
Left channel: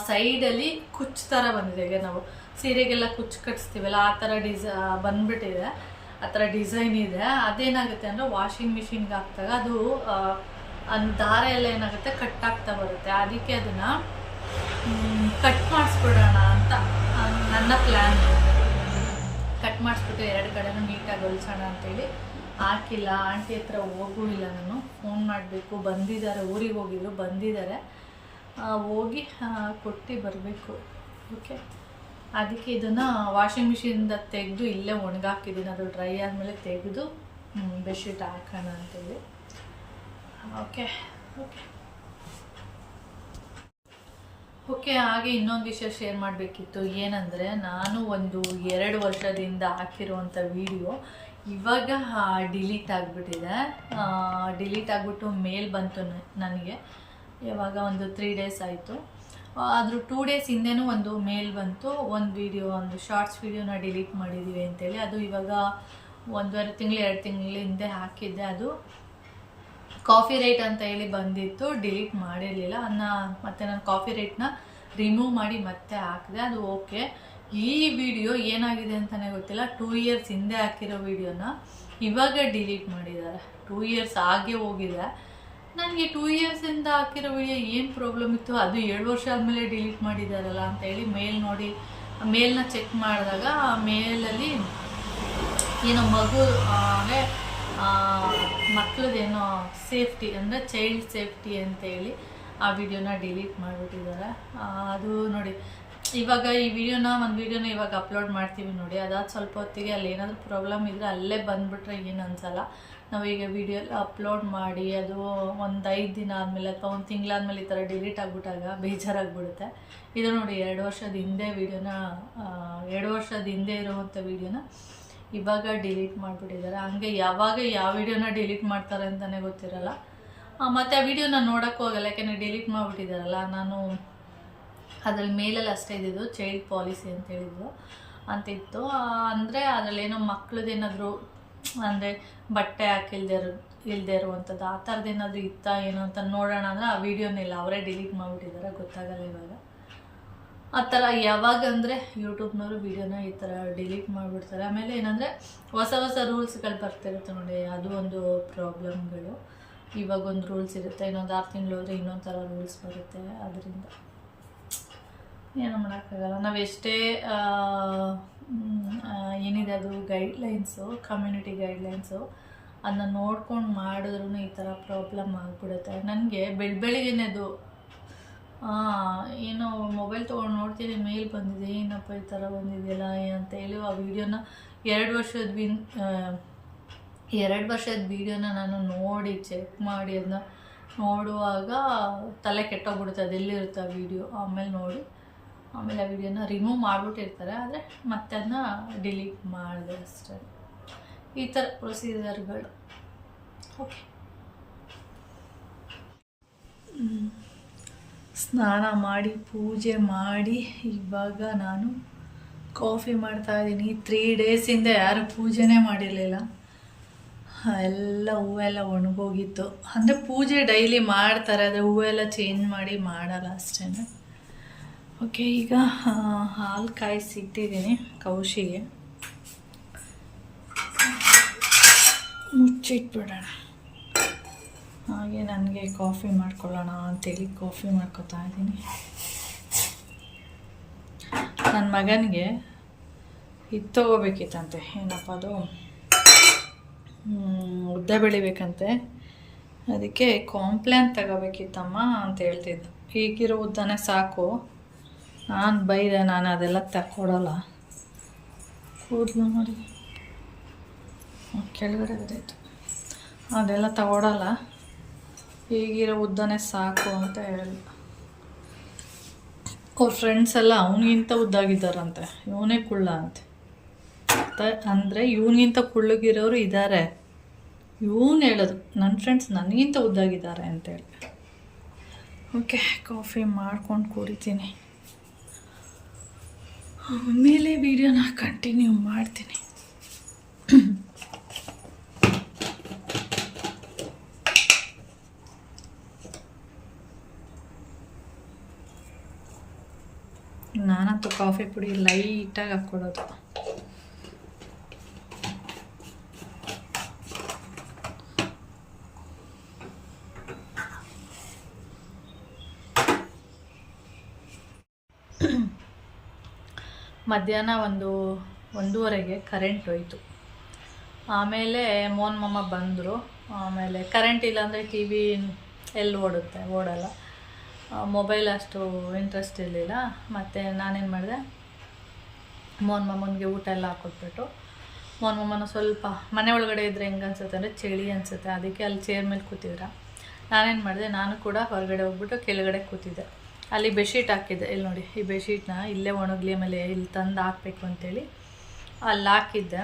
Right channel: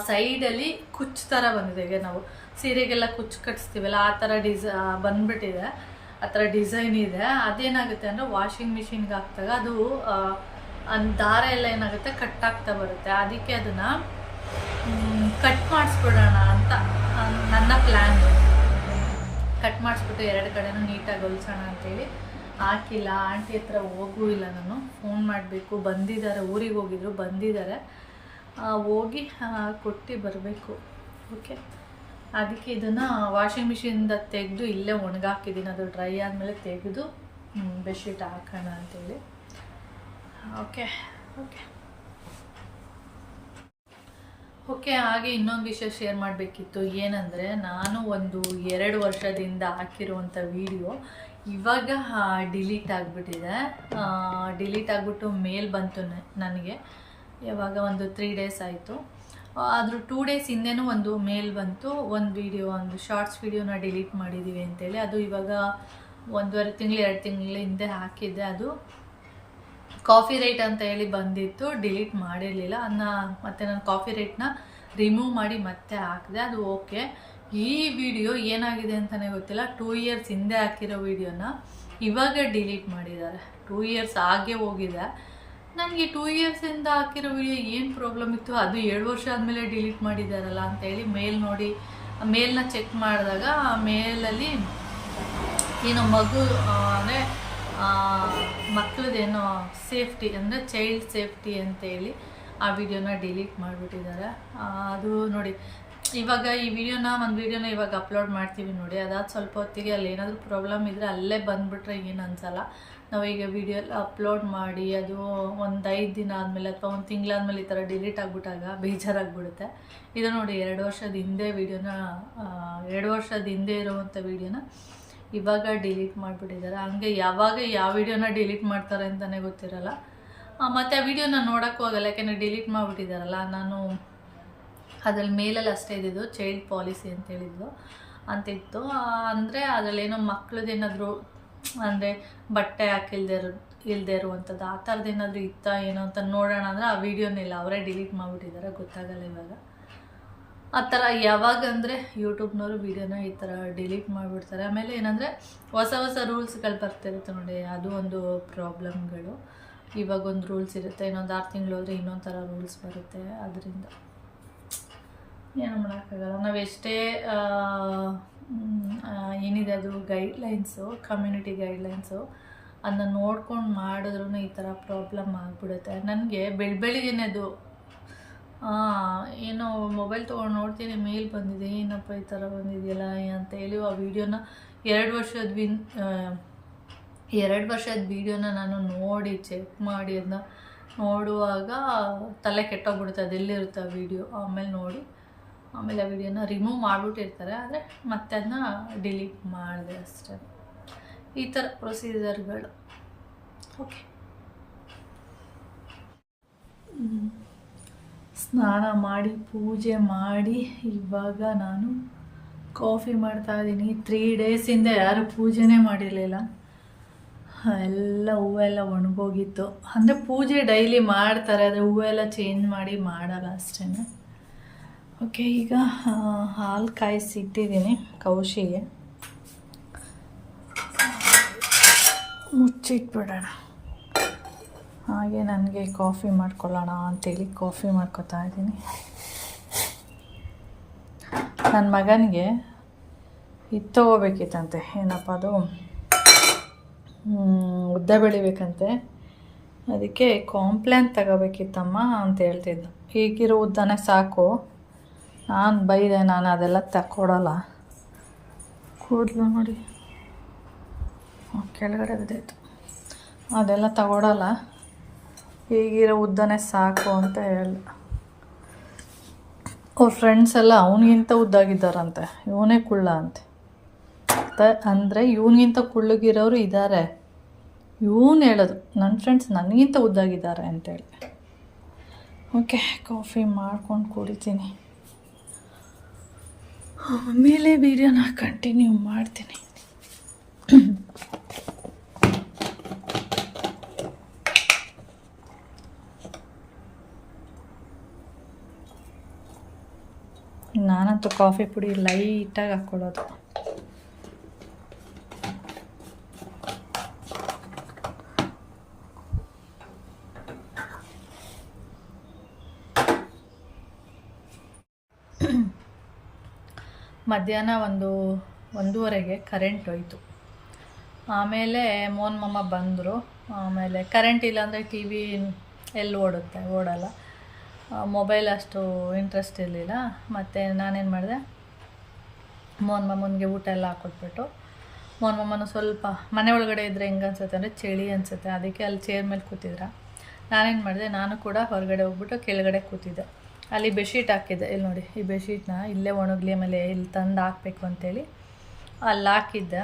S1: ಸೈಡಲ್ಲಿ ಕುಚ್ ಥರ ಬಂದಿದೆ. ಈಗ ನಾವು ಸೀರೆಗೆಲ್ಲ ಕುಚ್ಚು ಕಟ್ಸ್ತೀವಲ್ಲ, ಆ ಥರ ಡಿಸ ಬಂದ್ಬಿಟ್ಟಿದೆ. ಆ ಥರ ಡಿಸೈನ್ ಇದೆ. ಅದೇನಾಗುತ್ತೆ ಅಂದರೆ ವಾಷಿಂಗ್ ಮಿಷಿನ್ಗೆ ಹಾಕ್ದಾಗ ಅದು ದಾರ ಎಲ್ಲ ಏನಾಗುತ್ತೆ ಕಟ್ಟಾಗ್ತಾ ಬರುತ್ತೆ. ಅದಕ್ಕೆ ಅದನ್ನು ಕಟ್ ಮಾಡಿಸ್ಬಿಡೋಣ ಅಂತ ನನ್ನ ಪ್ಲ್ಯಾನ್ ಕಟ್ ಮಾಡಿಸ್ಬಿಟ್ಟು ಎರಡು ಕಡೆನೂ ನೀಟಾಗಿ ಹೊಲ್ಸೋಣ ಅಂತೇಳಿ. ಹಾಕಿಲ್ಲ, ಆಂಟಿ ಹತ್ರ ಹೋಗೂ ಇಲ್ಲ ನಾನು. ಫೋನ್ ಮಾಡಬೇಕು, ಬಂದಿದ್ದಾರೆ, ಊರಿಗೆ ಹೋಗಿದ್ರು, ಬಂದಿದ್ದಾರೆ. ಹೋಗಿ ಕೊಟ್ಟು ಬರಬೇಕು. ಓಕೆ ಅದಕ್ಕೆ ಇದನ್ನು ವಾಷಿಂಗ್ ಮಿಷಿನಿಂದ ತೆಗೆದು ಇಲ್ಲೇ ಒಣಗಾಕಿದ್ದೀನಿ ಅದು ಡ್ರೈ ಆದಮೇಲೆ ತೆಗೆದು ಬೆಡ್ಶೀಟ್ ಹಾಕೋಣ ಅಂತೇಳಿ. ಓಕೆ ಓಕೆ ಓಕೆ, ಹಾಗೆ ಇನ್ನೊಂದು ವಿಷಯ ಶೇರ್ ಮಾಡಬೇಕಿತ್ತು. ಏನಂದರೆ, ನಾನು ಒಂದು ಎರಡು ವರ್ಷದಿಂದ ಹಾಕಿರುವಂಥ ವಿಡಿಯೋ ಇವಾಗ ಡಿಲೀಟ್ ಆಗಿಬಿಟ್ಟಿದೆ. ಡಿಲೀಟ್ ಆಗಿಬಿಟ್ಟು ಮೇಲ್ ಬಂತು ನನಗೆ. ಯಾವಾಗ ಒಂದು ತ್ರೀ ಡೇಸ್ ಆಯಿತು. ಆದರೂ ಟೂ ಡೇಸ್ ಹಿಂದೆನೂ ಒಂದು ಮೇಲ್ ಬಂತು. ಒಂದು ವಿಡಿಯೋ ಒಂದು ಶಾರ್ಟ್ಸ್ ವಿಡಿಯೋನ ಡಿಲೀಟ್ ಮಾಡಿದ್ದೀವಿ ಅಂತೇಳಿ. ಅದು ಇವಾಗ ಒಂದೂವರೆ ತಿಂಗಳು, ಎರಡು ತಿಂಗಳ ಹಿಂದೆ ಹಾಕಿದ್ದೆ. ಅದು ಕಾಫಿ ರೇಟ್ ಅಂತ ಹೇಳಿ ಬಂದಿತ್ತು, ಡಿಲೀಟ್ ಮಾಡಿರಲಿಲ್ಲ. ಅದನ್ನ ಮತ್ತು ನಾನು ಕಾಫಿ ರೇಟ್ನ ರಿಮೂವ್ ಮಾಡಿ ಮತ್ತೆ ಹಾಕಿದೆ, ಅದು ಓಕೆ. ಈ ವಿಡಿಯೋ ಏನಾಗಿದೆ ಅಂತಲೇ ಗೊತ್ತಿಲ್ಲ. ಟೂ ಇಯರ್ಸ್ ಹಿಂದೆ ಹಾಕಿರೋ ವಿಡಿಯೋನ ಇವಾಗ ಡಿಲೀಟ್ ಮಾಡಿದ್ದಾರೆ. ಟೂ ಇಯರ್ಸ್ ಆಗೇ ಹೋಗಿದೆ. ನನಗೆ ಟೂ ಇಯರ್ಸಿಂದ ಹಾಕಿರೋ ವಿಡಿಯೋ ಏನು ಪ್ರಾಬ್ಲಮ್ ಇತ್ತು? ಅದು ಎರಡು ವರ್ಷ ಆದಮೇಲೆ ಡಿಲೀಟ್ ಮಾಡಿದ್ದಾರಲ್ಲ ಅಂತೇಳಿ ಮೇಲ್ ನೋಡಿ, ಮೇಲ್ನ ಚೆಕ್ ಮಾಡಿದಾಗ ಮೇಲಲ್ಲಿ ಏನೋ ಮಗು ಅಂದರೆ ಮಕ್ಕಳದೇನೋ ಸೇಫ್ಟಿ ಅಂದರೆ ಚೈಲ್ಡ್ ಸೇಫ್ಟಿ ಅಂತೇಳಿ ಆ ವಿಡಿಯೋನ ಡಿಲೀಟ್ ಮಾಡಿಬಿಟ್ಟಿದ್ದಾರೆ. ಅದು ನೋಡಿ, ಇವಾಗ ಈ ವಿಡಿಯೋನ, ಒಂದು ವಿಡಿಯೋನ ಇವಾಗ ಅಪ್ಲೋಡ್ ಮಾಡ್ತೀವಿ ನೋಡಿ, ಅದಾದ ಸ್ವಲ್ಪ ಹೊತ್ತಿಗೆ ಅಲ್ಲಿ ಏನಾದರೂ ಪ್ರಾಬ್ಲಮ್ ಇದ್ದರೆ ಅಲ್ಲೇ ಬಂದುಬಿಟ್ರೆ ಏನು ಅನ್ಸಲ್ಲ. ನಾವೀಗ ವಿಡಿಯೋ ಎಲ್ಲ ಅಪ್ಲೋಡ್ ಮಾಡಿ, ಅದು ಒಂದು ಐದು ದಿನ ಆದಮೇಲೆ ಅಥವಾ ಒಂದು ತಿಂಗಳಾದ್ಮೇಲೆ ಈ ಥರ ಡಿಲೀಟ್ ಆಗಿಬಿಟ್ಟಾಗ ಬೇಜಾರಾಗ್ಬಿಡುತ್ತೆ. ಇದು ನೋಡಿ, ಎರಡು ವರ್ಷದ ಹಿಂದೆ ವಿಡಿಯೋನ ಎರಡು ವರ್ಷದ ಹಿಂದೆ ಇರುವಂಥ ವಿಡಿಯೋನ ಇವಾಗ ಡಿಲೀಟ್ ಮಾಡಿಬಿಟ್ಟಿದ್ದಾರೆ. ಹಂಗೆ ಯಾವಾಗ ಯಾವ ವಿಡಿಯೋನ ಡಿಲೀಟ್ ಮಾಡ್ತಾರೆ ಅಂತಲೇ ಗೊತ್ತಿರಲ್ಲ. ಮತ್ತು ಆ ವಿಡಿಯೋನ ನೋಡೋಕ್ಕೂ ಹೋಗಲ್ಲ, ಯಾಕೆಂದರೆ ಡಿಲೀಟ್ ಮಾಡಿಬಿಟ್ಟಿದ್ದಾರಲ್ಲ. ನಾನು ಅದ್ರಲ್ಲಿ ಮೇಲಲ್ಲಿ ಅಷ್ಟೇ ಇದ್ದಿದ್ದು ಚೈಲ್ಡ್ ಪಾಲಿಸಿ ಅಂತ ಹೇಳಿದ್ದು, ಅಂತಿತ್ತು. ಅಂದರೆ ಅದರಲ್ಲೇನೋ ಮಕ್ಳದ್ದೇನಾದರೂ ಅಂದರೆ ಬಟ್ಟೆ ಹಾಕಿಲ್ದೇ ಇರೋ ಇಲ್ಲದೆ ಇರುವಂಥದ್ದು ಆ ಥರದ್ದು ಏನಾದರೂ ಇತ್ತಾ ಏನು ಅಂತ ನೋಡೋಣ ಅಂದರೆ ಆ ವಿಡಿಯೋನೆಲ್ಲ ಅವರೇ ಡಿಲೀಟ್ ಮಾಡಿಬಿಟ್ಟಿದ್ದಾರೆ. ಗೊತ್ತಾಗಲ್ಲ ಇವಾಗ. ಆ ಥರ ಯಾವಾಗ ಅಂದರೆ ಯೂಟ್ಯೂಬ್ನವರು ವೀಡಿಯೋನ ಈ ಥರ ಡಿಲೀಟ್ ಮಾಡಿಬಿಡ್ತಾರೆ. ಆಮೇಲೆ ಏನಂದರೆ ಹೊಸ ಹೊಸ ರೂಲ್ಸ್ಗಳು ಬರ್ತಿರುತ್ತೆ ನೋಡಿ, ಅದು ಒಂದು ಪ್ರಾಬ್ಲಮ್ಗಳು. ಇವಾಗ ಒಂದು ರೂಲ್ಸ್ ಇರುತ್ತೆ, ಇನ್ನೊಂದು ಆರು ತಿಂಗಳು ಹೋದರೆ ಇನ್ನೊಂದು ಥರ ರೂಲ್ಸ್ ಬರುತ್ತೆ ಅದರಿಂದ. ಏನು ಮಾಡೋಕ್ಕಾಗಲ್ಲ. ನಾವು ಎಷ್ಟೇ ಏನಿದೆ ಅದು ಗೈಡ್ಲೈನ್ಸು ಕಮ್ಯುನಿಟಿ ಗೈಡ್ಲೈನ್ಸು ಅದನ್ನ ನೋಡ್ಕೊಂಡು ಮಾಡಿದ್ರೂ ಈ ಥರ ಪ್ರಾಬ್ಲಮ್ ಆಗಿಬಿಡುತ್ತೆ. ನನಗೆ ಬೆಳ ಬೆಳಿಗ್ಗೆನೆದು ಏನೋ ಮೊಬೈಲ್ ತೊಗೊಂಡು ನೋಡ್ತೀನಿ, ಮೇಲ್ ಬಂದಿದೆ, ಏನಪ್ಪ ಈ ಥರ ಬಂದಿದೆಯಲ್ಲ ಅಂತ ಹೇಳಿ ಆ ವಿಡಿಯೋನ ಎರಡು ವರ್ಷದ ವಿನ್ ಎರಡು ವರ್ಷದ ವೀಡಿಯೋನ ನಾನು ನೋಡಿ ಚೆಕ್ ಮಾಡಿ ಅದನ್ನ ನೋಡುವಾಗ ತಲೆ ಕೆಟ್ಟೋಗ್ಬಿಡುತ್ತೆ, ಅದೆಲ್ಲಿರುತ್ತೆ ಆ ವಿಡಿಯೋ. ಆಮೇಲೆ ನೋಡಿ, ಆಮೇಲೆ ಆ ವಿಡಿಯೋನ ರಿಮೂವ್ ಮಾಡಿಬಿಟ್ಟಿರ್ತಾರೆ, ಆದರೆ ಮತ್ತೆ ಅದನ್ನ ಡಿಲೀಟ್ ಮಾಡಿದೆ ಅಷ್ಟೇ. ಈ ಥರ ಪ್ರೊಸೀಜರ್ಗಳು ಓಕೆ ಸ್ನಾನ ಮಾಡಿ, ಪೂಜೆ ಮಾಡಿ, ಇವಾಗ ನಾನು ಕಾಫಿ ಮಾಡ್ತಾ ಇದ್ದೀನಿ. ತ್ರೀ ಡೇಸಿಂದ ಯಾರು ಪೂಜೆನೇ ಮಾಡಿರಲಿಲ್ಲ. ಎಲ್ಲ ಹೂವೆಲ್ಲ ಒಣಗೋಗಿತ್ತು. ಅಂದರೆ ಪೂಜೆ ಡೈಲಿ ಮಾಡ್ತಾರೆ, ಆದರೆ ಹೂವೆಲ್ಲ ಚೇಂಜ್ ಮಾಡಿ ಮಾಡಲ್ಲ ಅಷ್ಟೇ ಓಕೆ ಈಗ ಹಾಲು ಕಾಯಿಸಿಟ್ಟಿದ್ದೀನಿ ಕೌಶಿಗೆ. ಮುಚ್ಚಿಟ್ಬಿಡೋಣ. ಹಾಗೆ ನನಗೆ ಕಾಫಿ ಮಾಡ್ಕೊಳ್ಳೋಣ ಅಂತೇಳಿ ಕಾಫಿ ಮಾಡ್ಕೊತಾ ಇದ್ದೀನಿ. ನನ್ನ ಮಗನಿಗೆ ಇದು ತೊಗೋಬೇಕಿತ್ತಂತೆ. ಏನಪ್ಪ ಅದು? ಉದ್ದ ಬೆಳಿಬೇಕಂತೆ. ಅದಕ್ಕೆ ಕಾಂಪ್ಲ್ಯಾನ್ ತಗೋಬೇಕಿತ್ತಮ್ಮ ಅಂತ ಹೇಳ್ತಿದ್ದು. ಈಗಿರೋ ಉದ್ದನೇ ಸಾಕು. ನಾನು ಬೈದೆ, ನಾನು ಅದೆಲ್ಲ ತಕ್ಕೊಡಲ್ಲ. ಕೂದಲು ನೋಡಿ. ಕೆಳಗಡೆ ಬಿದ್ದೈತು ಅದೆಲ್ಲ ತಗೊಡಲ್ಲ. ಈಗಿರೋ ಉದ್ದನೇ ಸಾಕು ಅಂತ ಹೇಳಿ. ಅವ್ರ ಫ್ರೆಂಡ್ಸ್ ಎಲ್ಲ ಅವನಿಗಿಂತ ಉದ್ದಾಗಿದ್ದಾರಂತೆ. ಇವನೇ ಕುಳ್ಳ ಅಂತೆ. ಅಂದರೆ ಇವನಿಗಿಂತ ಕುಳ್ಳಗಿರೋರು ಇದ್ದಾರೆ ಇವನು ಹೇಳೋದು ನನ್ನ ಫ್ರೆಂಡ್ಸ್ ನನಗಿಂತ ಉದ್ದಾಗಿದ್ದಾರೆ ಅಂತೇಳಿ ಓಕೆ, ಕಾಫಿ ಮಾಡ್ಕೊಂಡು ಕುಡಿತೀನಿ. ಆಮೇಲೆ ವೀಡಿಯೋನ ಕಂಟಿನ್ಯೂ ಮಾಡ್ತೀನಿ. ನಾನಂತೂ ಕಾಫಿ ಪುಡಿ ಲೈಟಾಗಿ ಹಾಕ್ಕೊಳ್ಳೋದು. ಮಧ್ಯಾಹ್ನ ಒಂದು ಒಂದೂವರೆಗೆ ಕರೆಂಟ್ ಹೋಯಿತು. ಆಮೇಲೆ ಮೋನ್ ಮಮ್ಮ ಬಂದರು. ಆಮೇಲೆ ಕರೆಂಟ್ ಇಲ್ಲಾಂದರೆ ಟಿ ವಿ ಎಲ್ಲಿ ಓಡುತ್ತೆ? ಓಡಲ್ಲ. ಮೊಬೈಲ್ ಅಷ್ಟು ಇಂಟ್ರೆಸ್ಟ್ ಇರಲಿಲ್ಲ. ಮತ್ತು ನಾನೇನು ಮಾಡಿದೆ? ಮೋಹನ್ ಮಾಮನಿಗೆ ಊಟ ಎಲ್ಲ ಹಾಕೊಟ್ಬಿಟ್ಟು ಮೋಹನ್ ಮಾಮನ ಸ್ವಲ್ಪ ಮನೆ ಒಳಗಡೆ ಇದ್ದರೆ ಹೆಂಗೆ ಅನ್ಸುತ್ತೆ ಅಂದರೆ ಚಳಿ ಅನಿಸುತ್ತೆ. ಅದಕ್ಕೆ ಅಲ್ಲಿ ಚೇರ್ ಮೇಲೆ ಕೂತಿದ್ರ? ನಾನೇನು ಮಾಡಿದೆ, ನಾನು ಕೂಡ ಹೊರಗಡೆ ಹೋಗ್ಬಿಟ್ಟು ಕೆಳಗಡೆ ಕೂತಿದ್ದೆ. ಅಲ್ಲಿ ಬೆಡ್ಶೀಟ್ ಹಾಕಿದ್ದೆ. ಇಲ್ಲಿ ನೋಡಿ, ಈ ಬೆಡ್ಶೀಟ್ನ ಇಲ್ಲೇ ಒಣಗಲಿ ಆಮೇಲೆ ಇಲ್ಲಿ ತಂದು ಹಾಕಬೇಕು ಅಂತೇಳಿ. ಅಲ್ಲಿ ಹಾಕಿದ್ದೆ.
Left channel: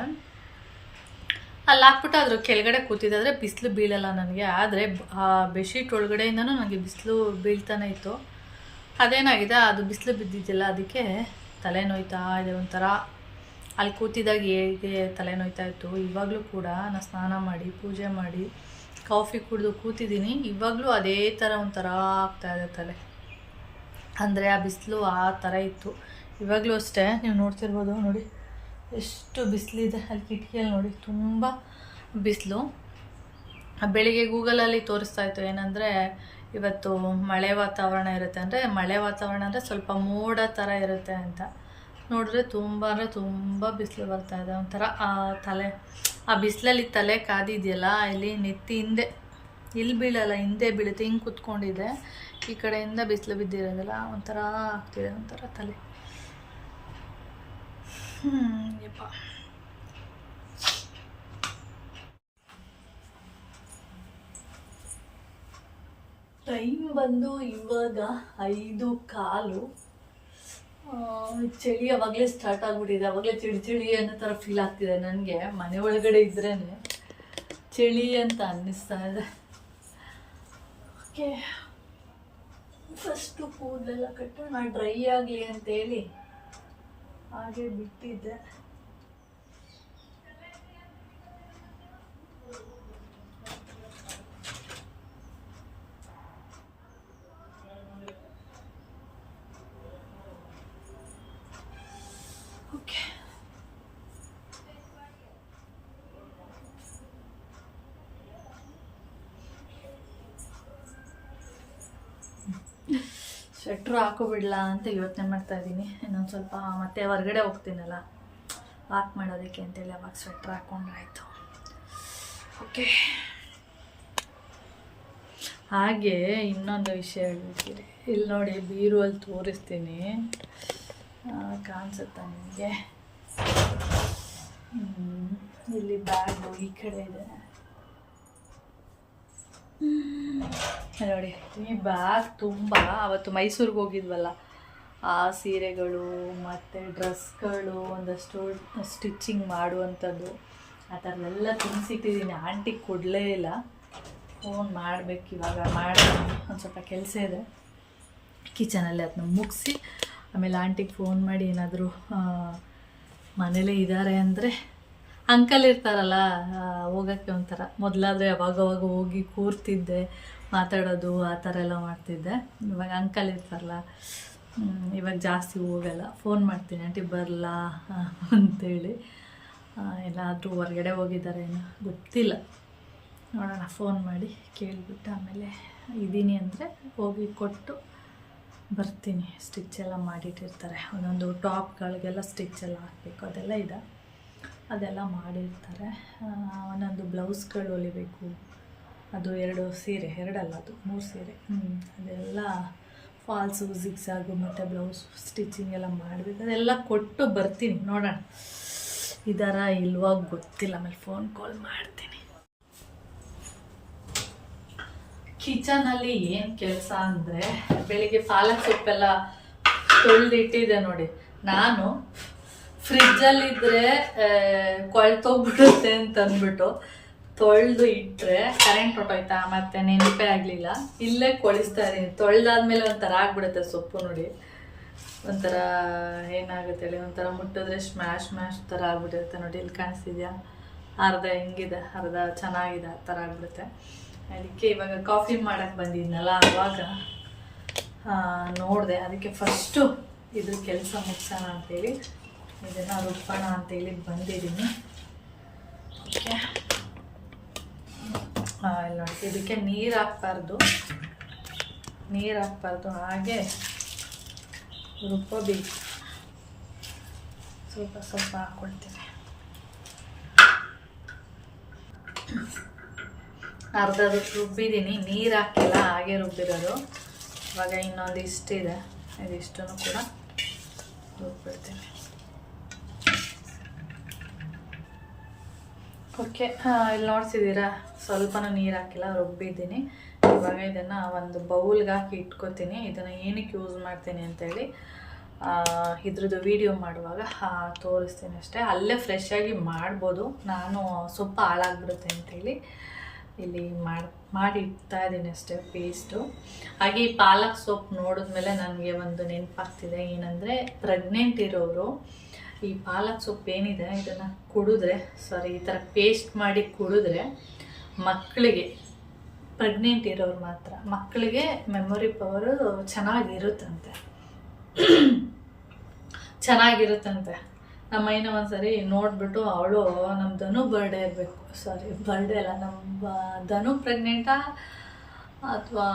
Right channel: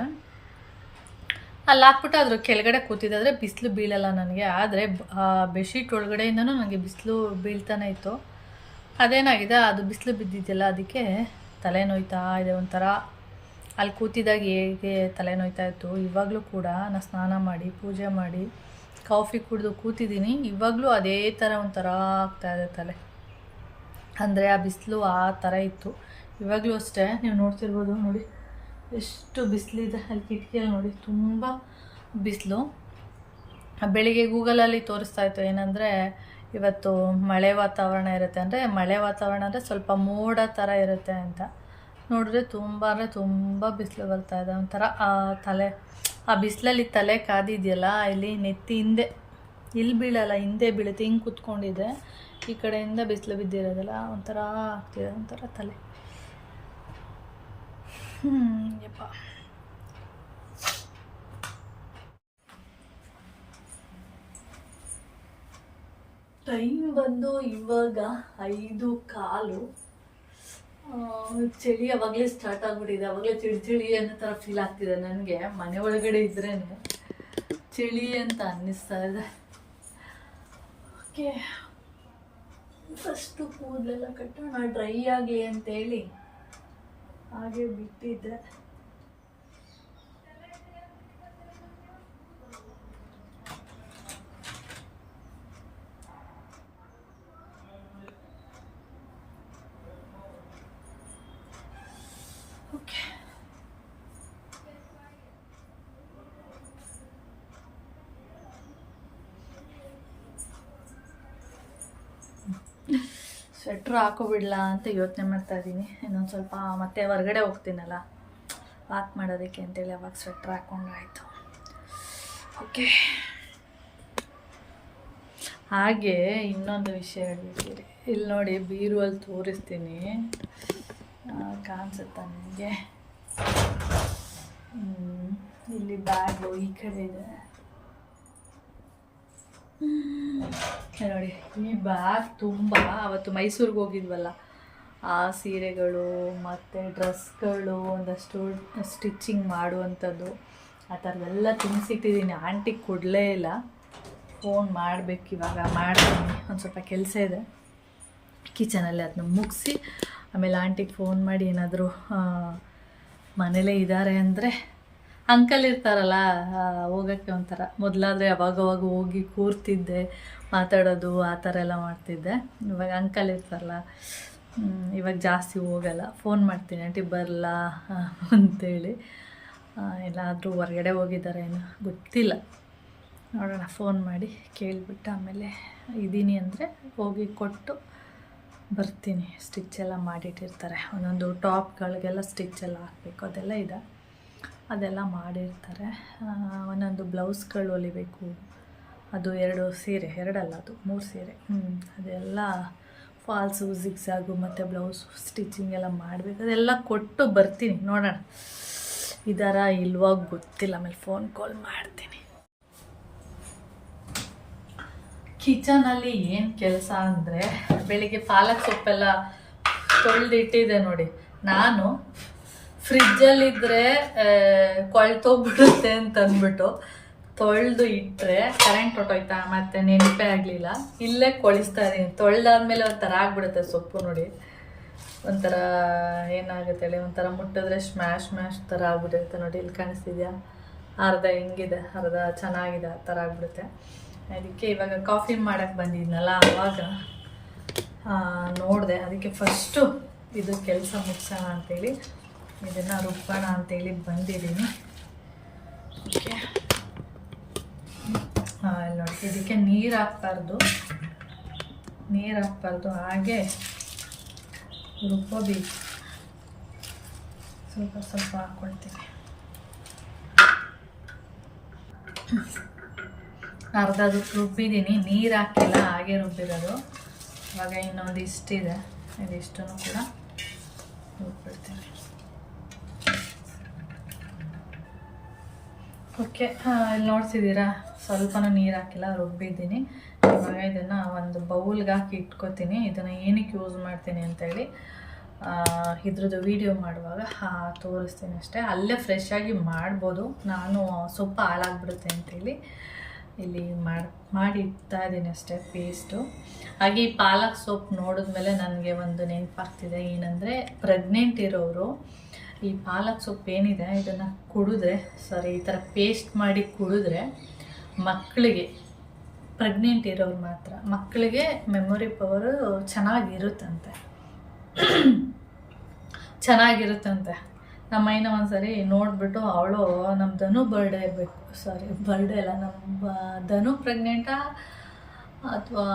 S1: ಅಲ್ಲಿ ಹಾಕ್ಬಿಟ್ಟು ಅದ್ರ ಕೆಳಗಡೆ ಕೂತಿದ್ದಾದ್ರೆ ಬಿಸಿಲು ಬೀಳಲ್ಲ ನನಗೆ. ಆದರೆ ಆ ಬೆಡ್ಶೀಟ್ ಒಳಗಡೆಯಿಂದನೂ ನನಗೆ ಬಿಸಿಲು ಬೀಳ್ತಾನೆ ಇತ್ತು. ಅದೇನಾಗಿದೆ? ಅದು ಬಿಸಿಲು ಬಿದ್ದಿದ್ದಿಲ್ಲ ಅದಕ್ಕೆ ತಲೆನೋಯ್ತಾ ಇದೆ ಒಂಥರ. ಅಲ್ಲಿ ಕೂತಿದ್ದಾಗ ಹೇಗೆ ತಲೆನೋಯ್ತಾ ಇತ್ತು? ಇವಾಗಲೂ ಕೂಡ ನಾನು ಸ್ನಾನ ಮಾಡಿ, ಪೂಜೆ ಮಾಡಿ, ಕಾಫಿ ಕುಡಿದು ಕೂತಿದ್ದೀನಿ. ಇವಾಗಲೂ ಅದೇ ಥರ ಒಂಥರ ಆಗ್ತಾ ಇದೆ ತಲೆ. ಅಂದರೆ ಆ ಬಿಸಿಲು ಆ ಥರ ಇತ್ತು. ಇವಾಗಲೂ ಅಷ್ಟೇ. ನೀವು ನೋಡ್ತಿರ್ಬೋದು ನೋಡಿ. ಎಷ್ಟು ಬಿಸಿಲಿದೆ ಅಲ್ಲಿ ಕಿಟಕಿಯಲ್ಲಿ ನೋಡಿ, ತುಂಬ ಬಿಸಿಲು. ಬೆಳಿಗ್ಗೆ ಗೂಗಲಲ್ಲಿ ತೋರಿಸ್ತಾ ಇತ್ತು ಏನಂದರೆ, ಇವತ್ತು ಮಳೆ ವಾತಾವರಣ ಇರುತ್ತೆ ಅಂದರೆ, ಮಳೆ ವಾತಾವರಣ ಅಂದರೆ ಸ್ವಲ್ಪ ಮೋಡ ಥರ ಇರುತ್ತೆ ಅಂತ. ನೋಡಿದ್ರೆ ತುಂಬ ಅಂದರೆ ತುಂಬ ಬಿಸಿಲು ಬರ್ತಾ ಇದೆ. ಒಂಥರ ಆ ತಲೆ, ಆ ಬಿಸಿಲಲ್ಲಿ ತಲೆ ಕಾದಿದೆಯಲ್ಲ, ಇಲ್ಲಿ ನೆತ್ತಿ ಹಿಂದೆ, ಇಲ್ಲಿ ಬೀಳಲ್ಲ, ಹಿಂದೆ ಬೀಳುತ್ತೆ, ಹಿಂಗೆ ಕೂತ್ಕೊಂಡಿದೆ. ಈ ಕಡೆಯಿಂದ ಬಿಸಿಲು ಬಿದ್ದಿರೋದಲ್ಲ ಒಂಥರ ಆಗ್ತಿದೆ, ಒಂಥರ ತಲೆ. ಯಪ್ಪ ಟೈಮ್ ಬಂದು ಇವಾಗ ಐದು ಕಾಲು. ಚಳಿ ಅವಾಗಲೇ ಸ್ಟಾರ್ಟ್ ಆಗಿಬಿಟ್ಟಿದೆ. ಅವಾಗಲೇ ಚಳಿ ಚಳಿ ಅನ್ನೋ ಥರ ಫೀಲ್ ಆಗ್ತಿದೆ ನನಗೆ. ಮನೆ ಒಳಗಡೆ ಇದ್ರೇ ಚಳಿ ಅಂತ ಅನ್ನಿಸ್ತಾ ಇದೆ. ಓಕೆ. ಫಸ್ಟು ಕೂದಲೆಲ್ಲ ಕಟ್ಟೋಣ ಡ್ರೈ ಆಗಲಿ ಅಂತೇಳಿ ಹಾಗೆ ಬಿಟ್ಟಿದ್ದೆ ಓಕೆ ಸ್ವೆಟ್ರ್ ಹಾಕೋಬಿಡ್ಲಾ ಅಂತ ಯೋಚನೆ ಮಾಡ್ತಾ ಇದ್ದೀನಿ. ಇನ್ನೊಂದು ಸ್ವಲ್ಪ ಮತ್ತೆ ಹೊರಗಡೆ ಹೋಗ್ತೀನಲ್ಲ ವಾಕ್ ಮಾಡೋದಕ್ಕೆ ಅಂತೇಳಿ ಅವಾಗ ಸ್ವೆಟ್ರ್ ಹಾಕ್ಕೊಂಡಾಯಿತು ಓಕೆ ಹಾಗೆ ಇನ್ನೊಂದು ವಿಷಯ ಹೇಳ್ಬೇಕಿರಿ ಇಲ್ಲಿ ನೋಡಿ ಬೀರುವಲ್ಲಿ ತೋರಿಸ್ತೀನಿ. ಕಾಣಿಸುತ್ತಾ ನಿಮಗೆ? ಇಲ್ಲಿ ಬ್ಯಾಗು ಈ ಕಡೆ ಇದೆ. ನೋಡಿ, ಈ ಬ್ಯಾಗ್ ತುಂಬ ಅವತ್ತು ಮೈಸೂರಿಗೆ ಹೋಗಿದ್ವಲ್ಲ. ಆ ಸೀರೆಗಳು ಮತ್ತು ಡ್ರೆಸ್ಗಳು, ಒಂದಷ್ಟು ಸ್ಟಿಚಿಂಗ್ ಮಾಡುವಂಥದ್ದು, ಆ ಥರದ್ದೆಲ್ಲ ತುಂಬಿಸಿಟ್ಟಿದ್ದೀನಿ. ಆಂಟಿಗೆ ಕೊಡಲೇ ಇಲ್ಲ. ಫೋನ್ ಮಾಡಬೇಕು ಇವಾಗ, ಮಾಡ್ತೀನಿ. ಒಂದು ಸ್ವಲ್ಪ ಕೆಲಸ ಇದೆ. ಕಿಚನಲ್ಲಿ ಅದನ್ನ ಮುಗಿಸಿ, ಆಮೇಲೆ ಆಂಟಿಗೆ ಫೋನ್ ಮಾಡಿ ಏನಾದರೂ ಮನೇಲೇ ಇದ್ದಾರೆ ಅಂದರೆ ಅಂಕಲ್ ಇರ್ತಾರಲ್ಲ ಹೋಗೋಕ್ಕೆ ಒಂಥರ. ಮೊದಲಾದರೆ ಅವಾಗವಾಗ ಹೋಗಿ ಕೂರ್ತಿದ್ದೆ, ಮಾತಾಡೋದು, ಆ ಥರ ಎಲ್ಲ ಮಾಡ್ತಿದ್ದೆ. ಇವಾಗ ಅಂಕಲ್ ಇರ್ತಾರಲ್ಲ ಇವಾಗ ಜಾಸ್ತಿ ಹೋಗಲ್ಲ. ಫೋನ್ ಮಾಡ್ತೀನಿ, ಆಂಟಿ ಬರಲ್ಲ ಅಂತೇಳಿ. ಎಲ್ಲಾದರೂ ಹೊರಗಡೆ ಹೋಗಿದ್ದಾರೆ ಏನೋ, ಗೊತ್ತಿಲ್ಲ. ನೋಡೋಣ, ಫೋನ್ ಮಾಡಿ ಕೇಳಿಬಿಟ್ಟು ಆಮೇಲೆ ಇದ್ದೀನಿ ಅಂದರೆ ಹೋಗಿ ಕೊಟ್ಟು ಬರ್ತೀನಿ. ಸ್ಟಿಚ್ ಎಲ್ಲ ಮಾಡಿಟ್ಟಿರ್ತಾರೆ. ಒಂದೊಂದು ಟಾಪ್ಗಳಿಗೆಲ್ಲ ಸ್ಟಿಚ್ ಎಲ್ಲ ಹಾಕಬೇಕು, ಅದೆಲ್ಲ ಇದೆ. ಅದೆಲ್ಲ ಮಾಡಿರ್ತಾರೆ. ಒಂದೊಂದು ಬ್ಲೌಸ್ಗಳು ಹೊಲಿಬೇಕು, ಅದು ಎರಡು ಸೀರೆ, ಎರಡಲ್ಲ ಅದು, ಮೂರು ಸೀರೆ. ಅದೆಲ್ಲ ಫಾಲ್ಸು ಜಿಗ್ಸಾಗು ಮತ್ತು ಬ್ಲೌಸ್ ಸ್ಟಿಚಿಂಗ್ ಎಲ್ಲ ಮಾಡಬೇಕು. ಅದೆಲ್ಲ ಕೊಟ್ಟು ಬರ್ತೀನಿ, ನೋಡೋಣ. ಇದಾರ ಇಲ್ವಾ ಗೊತ್ತಿಲ್ಲ, ಆಮೇಲೆ ಫೋನ್ ಕಾಲ್ ಮಾಡ್ತೀನಿ. ಕಿಚನಲ್ಲಿ ಏನು ಕೆಲಸ ಅಂದರೆ, ಬೆಳಿಗ್ಗೆ ಪಾಲಕ್ ಸೊಪ್ಪೆಲ್ಲ ತೊಳೆದಿಟ್ಟಿದೆ ನೋಡಿ. ನಾನು ಫ್ರಿಜ್ಜಲ್ಲಿದ್ದರೆ ಕೊಳ್ತೋಗ್ಬಿಡುತ್ತೆ ಅಂತ ಅಂದ್ಬಿಟ್ಟು ತೊಳೆದು ಇಟ್ಟರೆ ಕರೆಂಟ್ ಹೊಟ್ಟೋಯ್ತಾ ಮತ್ತೆ ನೆನಪೇ ಆಗಲಿಲ್ಲ. ಇಲ್ಲೇ ಕೊಳಿಸ್ತಾ ಇದ್ದೀನಿ. ತೊಳೆದಾದ್ಮೇಲೆ ಒಂಥರ ಆಗ್ಬಿಡುತ್ತೆ ಸೊಪ್ಪು ನೋಡಿ. ಒಂಥರ ಏನಾಗುತ್ತೆ ಹೇಳಿ, ಒಂಥರ ಮುಟ್ಟಿದ್ರೆ ಸ್ಮ್ಯಾಶ್ ಸ್ಮ್ಯಾಶ್ ಥರ ಆಗ್ಬಿಟ್ಟಿರುತ್ತೆ ನೋಡಿ. ಇಲ್ಲಿ ಕಾಣಿಸ್ತಿದ್ಯಾ? ಅರ್ಧ ಹೆಂಗಿದೆ, ಅರ್ಧ ಚೆನ್ನಾಗಿದೆ, ಆ ಥರ ಆಗ್ಬಿಡುತ್ತೆ. ಅದಕ್ಕೆ ಇವಾಗ ಕಾಫಿ ಮಾಡೋಕ್ಕೆ ಬಂದಿದ್ನಲ್ಲ ಆವಾಗ ನೋಡಿದೆ. ಅದಕ್ಕೆ ಫಸ್ಟು ಇದು ಕೆಲಸ ಮುಗಿಸೋಣ ಅಂತೇಳಿ. ಇದನ್ನು ರುಬ್ಬೋಣ ಅಂತೇಳಿ ಬಂದಿದ್ದೀನಿ. ಓಕೆ. ಇಲ್ಲಿ ನೋಡಿ. ಇದಕ್ಕೆ ನೀರು ಹಾಕ್ಬಾರ್ದು. ನೀರು ಹಾಕ್ಬಾರ್ದು. ಹಾಗೆ ರುಬ್ಬೋಬೇಕು. ಸ್ವಲ್ಪ ಸ್ವಲ್ಪ ಹಾಕ್ಕೊಳ್ತೀನಿ ಅರ್ಧ ರುಬ್ಬಿದ್ದೀನಿ. ನೀರು ಹಾಕಿಲ್ಲ ಹಾಗೆ ರುಬ್ಬಿರೋದು. ಇವಾಗ ಇನ್ನೊಂದು ಇಷ್ಟಿದೆ ಇದಿಷ್ಟನ್ನು ಕೂಡ ರುಬ್ಬಿಡ್ತೀನಿ. ಓಕೆ ಇಲ್ಲಿ ನೋಡ್ತಿದ್ದೀರಾ? ಸ್ವಲ್ಪನೂ ನೀರು ಹಾಕಿಲ್ಲ, ರುಬ್ಬಿದ್ದೀನಿ. ಇವಾಗ ಇದನ್ನು ಒಂದು ಬೌಲ್ಗೆ ಹಾಕಿ ಇಟ್ಕೋತೀನಿ. ಇದನ್ನು ಏನಕ್ಕೆ ಯೂಸ್ ಮಾಡ್ತೀನಿ ಅಂತೇಳಿ ಇದ್ರದ್ದು ವಿಡಿಯೋ ಮಾಡುವಾಗ ತೋರಿಸ್ತೀನಿ ಅಷ್ಟೇ. ಅಲ್ಲೇ ಫ್ರೆಶ್ ಆಗಿ ಮಾಡ್ಬೋದು. ನಾನು ಸೊಪ್ಪು ಹಾಳಾಗ್ಬಿಡುತ್ತೆ ಅಂತೇಳಿ ಇಲ್ಲಿ ಮಾಡಿ ಮಾಡಿ ಇಡ್ತಾ ಇದ್ದೀನಿ ಅಷ್ಟೇ ಪೇಸ್ಟು ಹಾಗೆ ಈ ಪಾಲಕ್ ಸೊಪ್ಪು ನೋಡಿದ್ಮೇಲೆ ನನಗೆ ಒಂದು ನೆನಪಾಗ್ತಿದೆ. ಏನಂದರೆ ಪ್ರೆಗ್ನೆಂಟ್ ಇರೋರು ಈ ಪಾಲಕ್ ಸೊಪ್ಪು ಏನಿದೆ, ಇದನ್ನು ಕುಡಿದ್ರೆ ಸಾರಿ ಈ ಥರ ಪೇಸ್ಟ್ ಮಾಡಿ ಕುಡಿದ್ರೆ ಮಕ್ಕಳಿಗೆ ಪ್ರೆಗ್ನೆಂಟ್ ಇರೋರು ಮಾತ್ರ ಮಕ್ಕಳಿಗೆ ಮೆಮೊರಿ ಪವರು ಚೆನ್ನಾಗಿರುತ್ತಂತೆ. ಚೆನ್ನಾಗಿರುತ್ತಂತೆ. ನಮ್ಮ ಮೈನ ಒಂದ್ಸರಿ ನೋಡಿಬಿಟ್ಟು ಅವಳು ನಮ್ಮ ಧನು ಬರ್ಡೇ ಇರಬೇಕು ಸಾರಿ ಬರ್ಡೇ ಅಲ್ಲ ನಮ್ಮ ಧನು ಪ್ರೆಗ್ನೆಂಟಾ ಅಥವಾ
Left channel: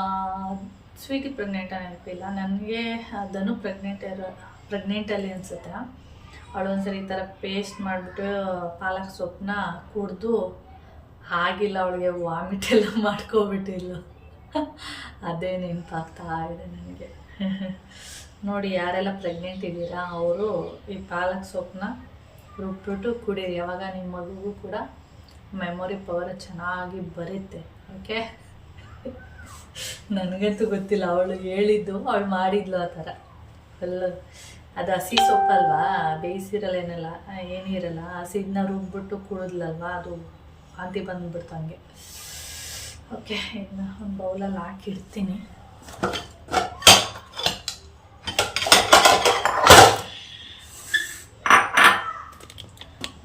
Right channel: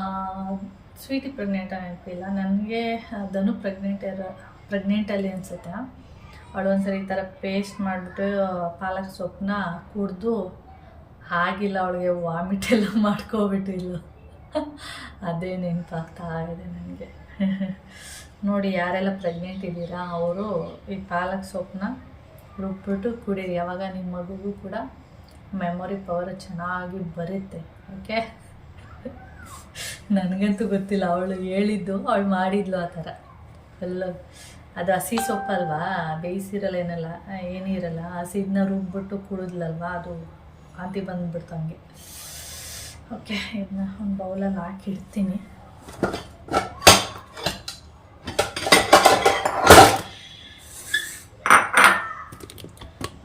S1: ಸ್ವೀಟಿ ಪ್ರೆಗ್ನೆಂಟಾ ನೆನಪಿಲ್ಲ. ನನಗೆ ಧನು ಪ್ರೆಗ್ನೆಂಟ್ ಇರೋ ಪ್ರೆಗ್ನೆಂಟಲ್ಲಿ ಅನಿಸುತ್ತೆ? ಅವಳು ಒಂದ್ಸರಿ ಈ ಥರ ಪೇಸ್ಟ್ ಮಾಡಿಬಿಟ್ಟು ಪಾಲಕ್ ಸೊಪ್ಪನ್ನ ಕುಡಿದು ಆಗಿಲ್ಲ ಅವಳಿಗೆ ವಾಮಿಟ್ ಎಲ್ಲ ಮಾಡ್ಕೊಬಿಟ್ಟಿಲ್ಲ ಅದೇ ನೆನಪಾಗ್ತಾ ಇದೆ ನನಗೆ. ನೋಡಿ, ಯಾರೆಲ್ಲ ಪ್ರೆಗ್ನೆಂಟ್ ಇದ್ದೀರಾ, ಅವರು ಈ ಪಾಲಕ್ ಸೊಪ್ಪನ್ನ ರುಬ್ಬಿಟ್ಟು ಕುಡೀರಿ. ಯಾವಾಗ ನಿಮ್ಮ ಮಗುಗೂ ಕೂಡ ಮೆಮೊರಿ ಪವರ್ ಚೆನ್ನಾಗಿ ಬರುತ್ತೆ ಓಕೆ ನನಗಂತೂ ಗೊತ್ತಿಲ್ಲ, ಅವಳು ಹೇಳಿದ್ದು, ಅವಳು ಮಾಡಿದ್ಲು ಆ ಥರ. ಫುಲ್ಲು ಅದು ಹಸಿ ಸೊಪ್ಪಲ್ವಾ ಬೇಯಿಸಿರಲ್ಲ ಏನಲ್ಲ. ಏನಿರಲ್ಲ ಹಸಿದನ್ನ ರುಬ್ಬಿಟ್ಟು ಕುಡಿದ್ಲಲ್ವಾ? ಅದು ವಾಂತಿ ಬಂದ್ಬಿಡ್ತು ಹಂಗೆ. ಓಕೆ, ಇದನ್ನ ಒಂದು ಬೌಲಲ್ಲಿ ಹಾಕಿಡ್ತೀನಿ.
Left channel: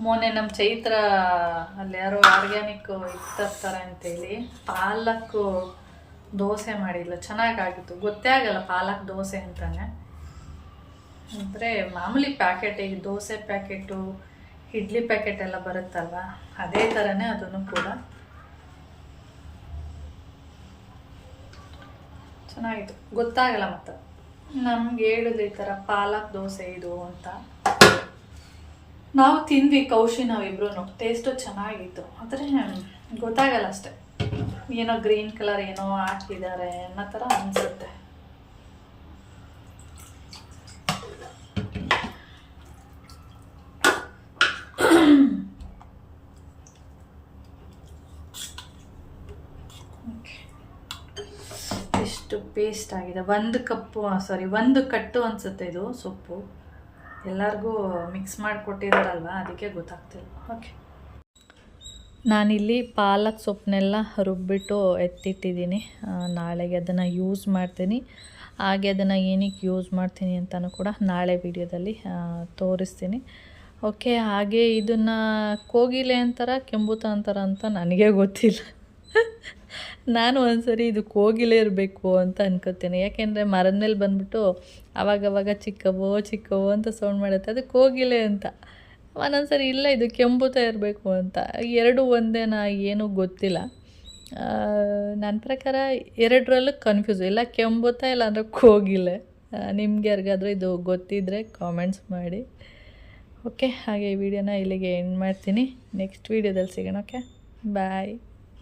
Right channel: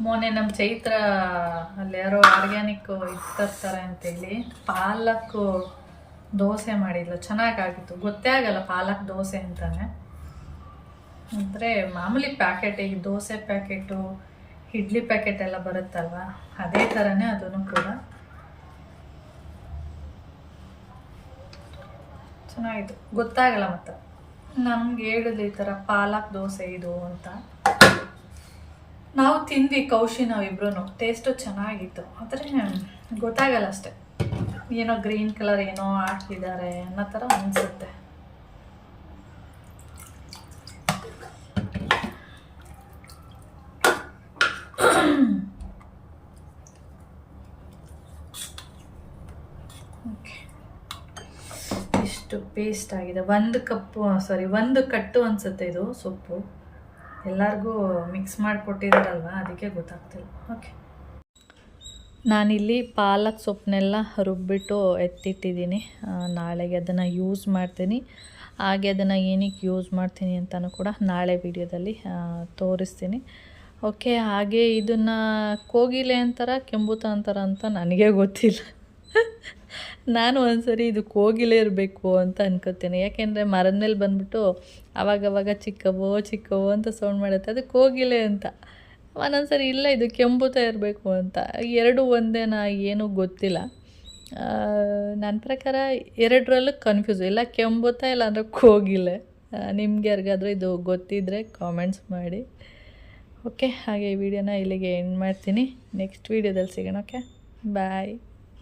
S1: ಮೊನ್ನೆ ನಮ್ಮ ಚೈತ್ರ ಅಲ್ಲಿ ಯಾರೋ ಆರ್ಗ್ಯಾನಿಕ್ ತರ್ತಾರೆ ಅಂತೇಳಿ ಪಾಲಕ್ಕು ದೋಸೆ ಮಾಡಿಲ್ಲ ಚೆನ್ನಾಗಾಗಿತ್ತು. ಗೊತ್ತೇ ಆಗಲ್ಲ ಪಾಲಕ್ ದೋಸೆ ಅಂತಾನೆ. ಅಂದರೆ ಮಾಮೂಲಿ ಪ್ಯಾಕೆಟ್ ಈಗ ದೋಸೆ ಪ್ಯಾಕೆಟು, ಇಡ್ಲಿ ಪ್ಯಾಕೆಟ್ ಎಲ್ಲ ಬರುತ್ತಲ್ವ? ಅದೇ ಥರನೇ ಅದನ್ನು ಕೂಡ ಚೆನ್ನಾಗಿತ್ತು ಗೊತ್ತಾಗಲ್ಲ ಮತ್ತೆ. ನಮ್ಗೆ ಹೇಳಿದ್ರು ಈ ಥರ ಪಾಲಕ್ ದೋಸೆ ಇದು ಅಂತ. ನಾವು ತಿಂದ್ವಿ ಕೌಶಿ ನಾವಿಬ್ರು ಟೇಸ್ಟು ಚೆನ್ನಾಗಿತ್ತು. ಆದರೆ ಗೊತ್ತಾಗಲ್ಲ ಅಷ್ಟೆ. ಏನೋ ಗ್ರೀನ್ ಕಲರ್ ಏನೋ ಹಾಕಿದ್ದಾರೆ ಅನ್ನೋ ಥರ ಅನಿಸುತ್ತೆ ಎಷ್ಟು ಪೇಸ್ಟ್ ಆಗಿದೆ. ಒಂದು ಕಪ್ಪು ಸಾರಿ ಒಂದು ಕಟ್ಟು ಅನಿಸುತ್ತೆ ಇದು ಸೊಪ್ಪು. ಎಲ್ಲರಿಗೂ ಮಿಕ್ಸ್ ಮಾಡಿಕೊಟ್ಟಿದ್ದಾರಲ್ವ ಅದಕ್ಕೆ ಗೊತ್ತಾಗ್ತಿಲ್ಲ. ಓಕೆ ನಾನಿಲ್ಲಿ ಪಾಲಕ್ ಸೊಪ್ಪನ್ನೆಲ್ಲ ರುಬ್ಬಿಟ್ಟು ಎತ್ತಿಟ್ಟಿದ್ದೀನಿ. ನಾಳೆಗೆ ಅದನ್ನು ಯೂಸ್ ಮಾಡ್ತೀನಿ. ಹಾಗೆ ಅದನ್ನು ಏನಕ್ಕೆ ಯೂಸ್ ಮಾಡ್ತೀನಿ ಅಂತಲೂ ಕೂಡ ನಾಳೆ ವಿಡಿಯೋದಲ್ಲಿ ತೋರಿಸ್ತೀನಿ. ಓಕೆ ಹಾಗೆ ಇದನ್ನು ಕೋಗಿಲೆ ಅಂತಾರ ಕೆಂಬುತ ಅಂತಾರ ಅಂತ ನನಗೆ ಗೊತ್ತಿಲ್ಲ. ನಾನು ಒಂದ್ಸರಿ ಇದು ಹೋಗಿಲೇ ಇರಬೇಕು ಅಂತ ಅನ್ಕೋತೀನಿ. ಯಾಕೆಂದರೆ ಮರದ ಮೇಲೆ ಬಂದ್ಬಿಟ್ಟು ಅವಾಗವಾಗ ಚಿಕ್ಕವೋ ಚಿಕ್ಕವೋ ಅಂತ ಸೌಂಡ್ ಮಾಡುತ್ತೆ. ಅದು ಕೋಗಿಲೆ ಅಂತ. ಒಂದೊಂದ್ಸರಿ ಇಲ್ಲ, ಇದು ಕೆಂಪುತ ಇರಬೇಕು ಅಂತ. ಎರಡು ಒಂದೇನಾ ಏನೂ ಗೊತ್ತಿಲ್ಲ. ನನ್ನ ಪ್ರಕಾರ ಎರಡರಲ್ಲೂ ಕನ್ಫ್ಯೂಸ್ ಇಲ್ಲ ಕೆಂಬುತ್ತಾ ಇಲ್ಲ ಅಂದರೆ ಕೋಗಿಲೆ ನಿಮ್ಗೆ ಯಾರಿಗಾದ್ರೂ ಇದು ಗೊತ್ತಿದ್ದರೆ ಕಾಮೆಂಟ್ಸ್ ಮಾಡಿ. ಓಕೆ ಹಾಗೆ ಈ ವಿಡಿಯೋನ ಇಲ್ಲಿಗೆ ಎಂಡ್ ಮಾಡ್ತೀನಿ. ನೆಕ್ಸ್ಟ್ ವೀಡಿಯೋದಲ್ಲಿ ಸಿಗೋಣ ಓಕೆ ಬಾಯ್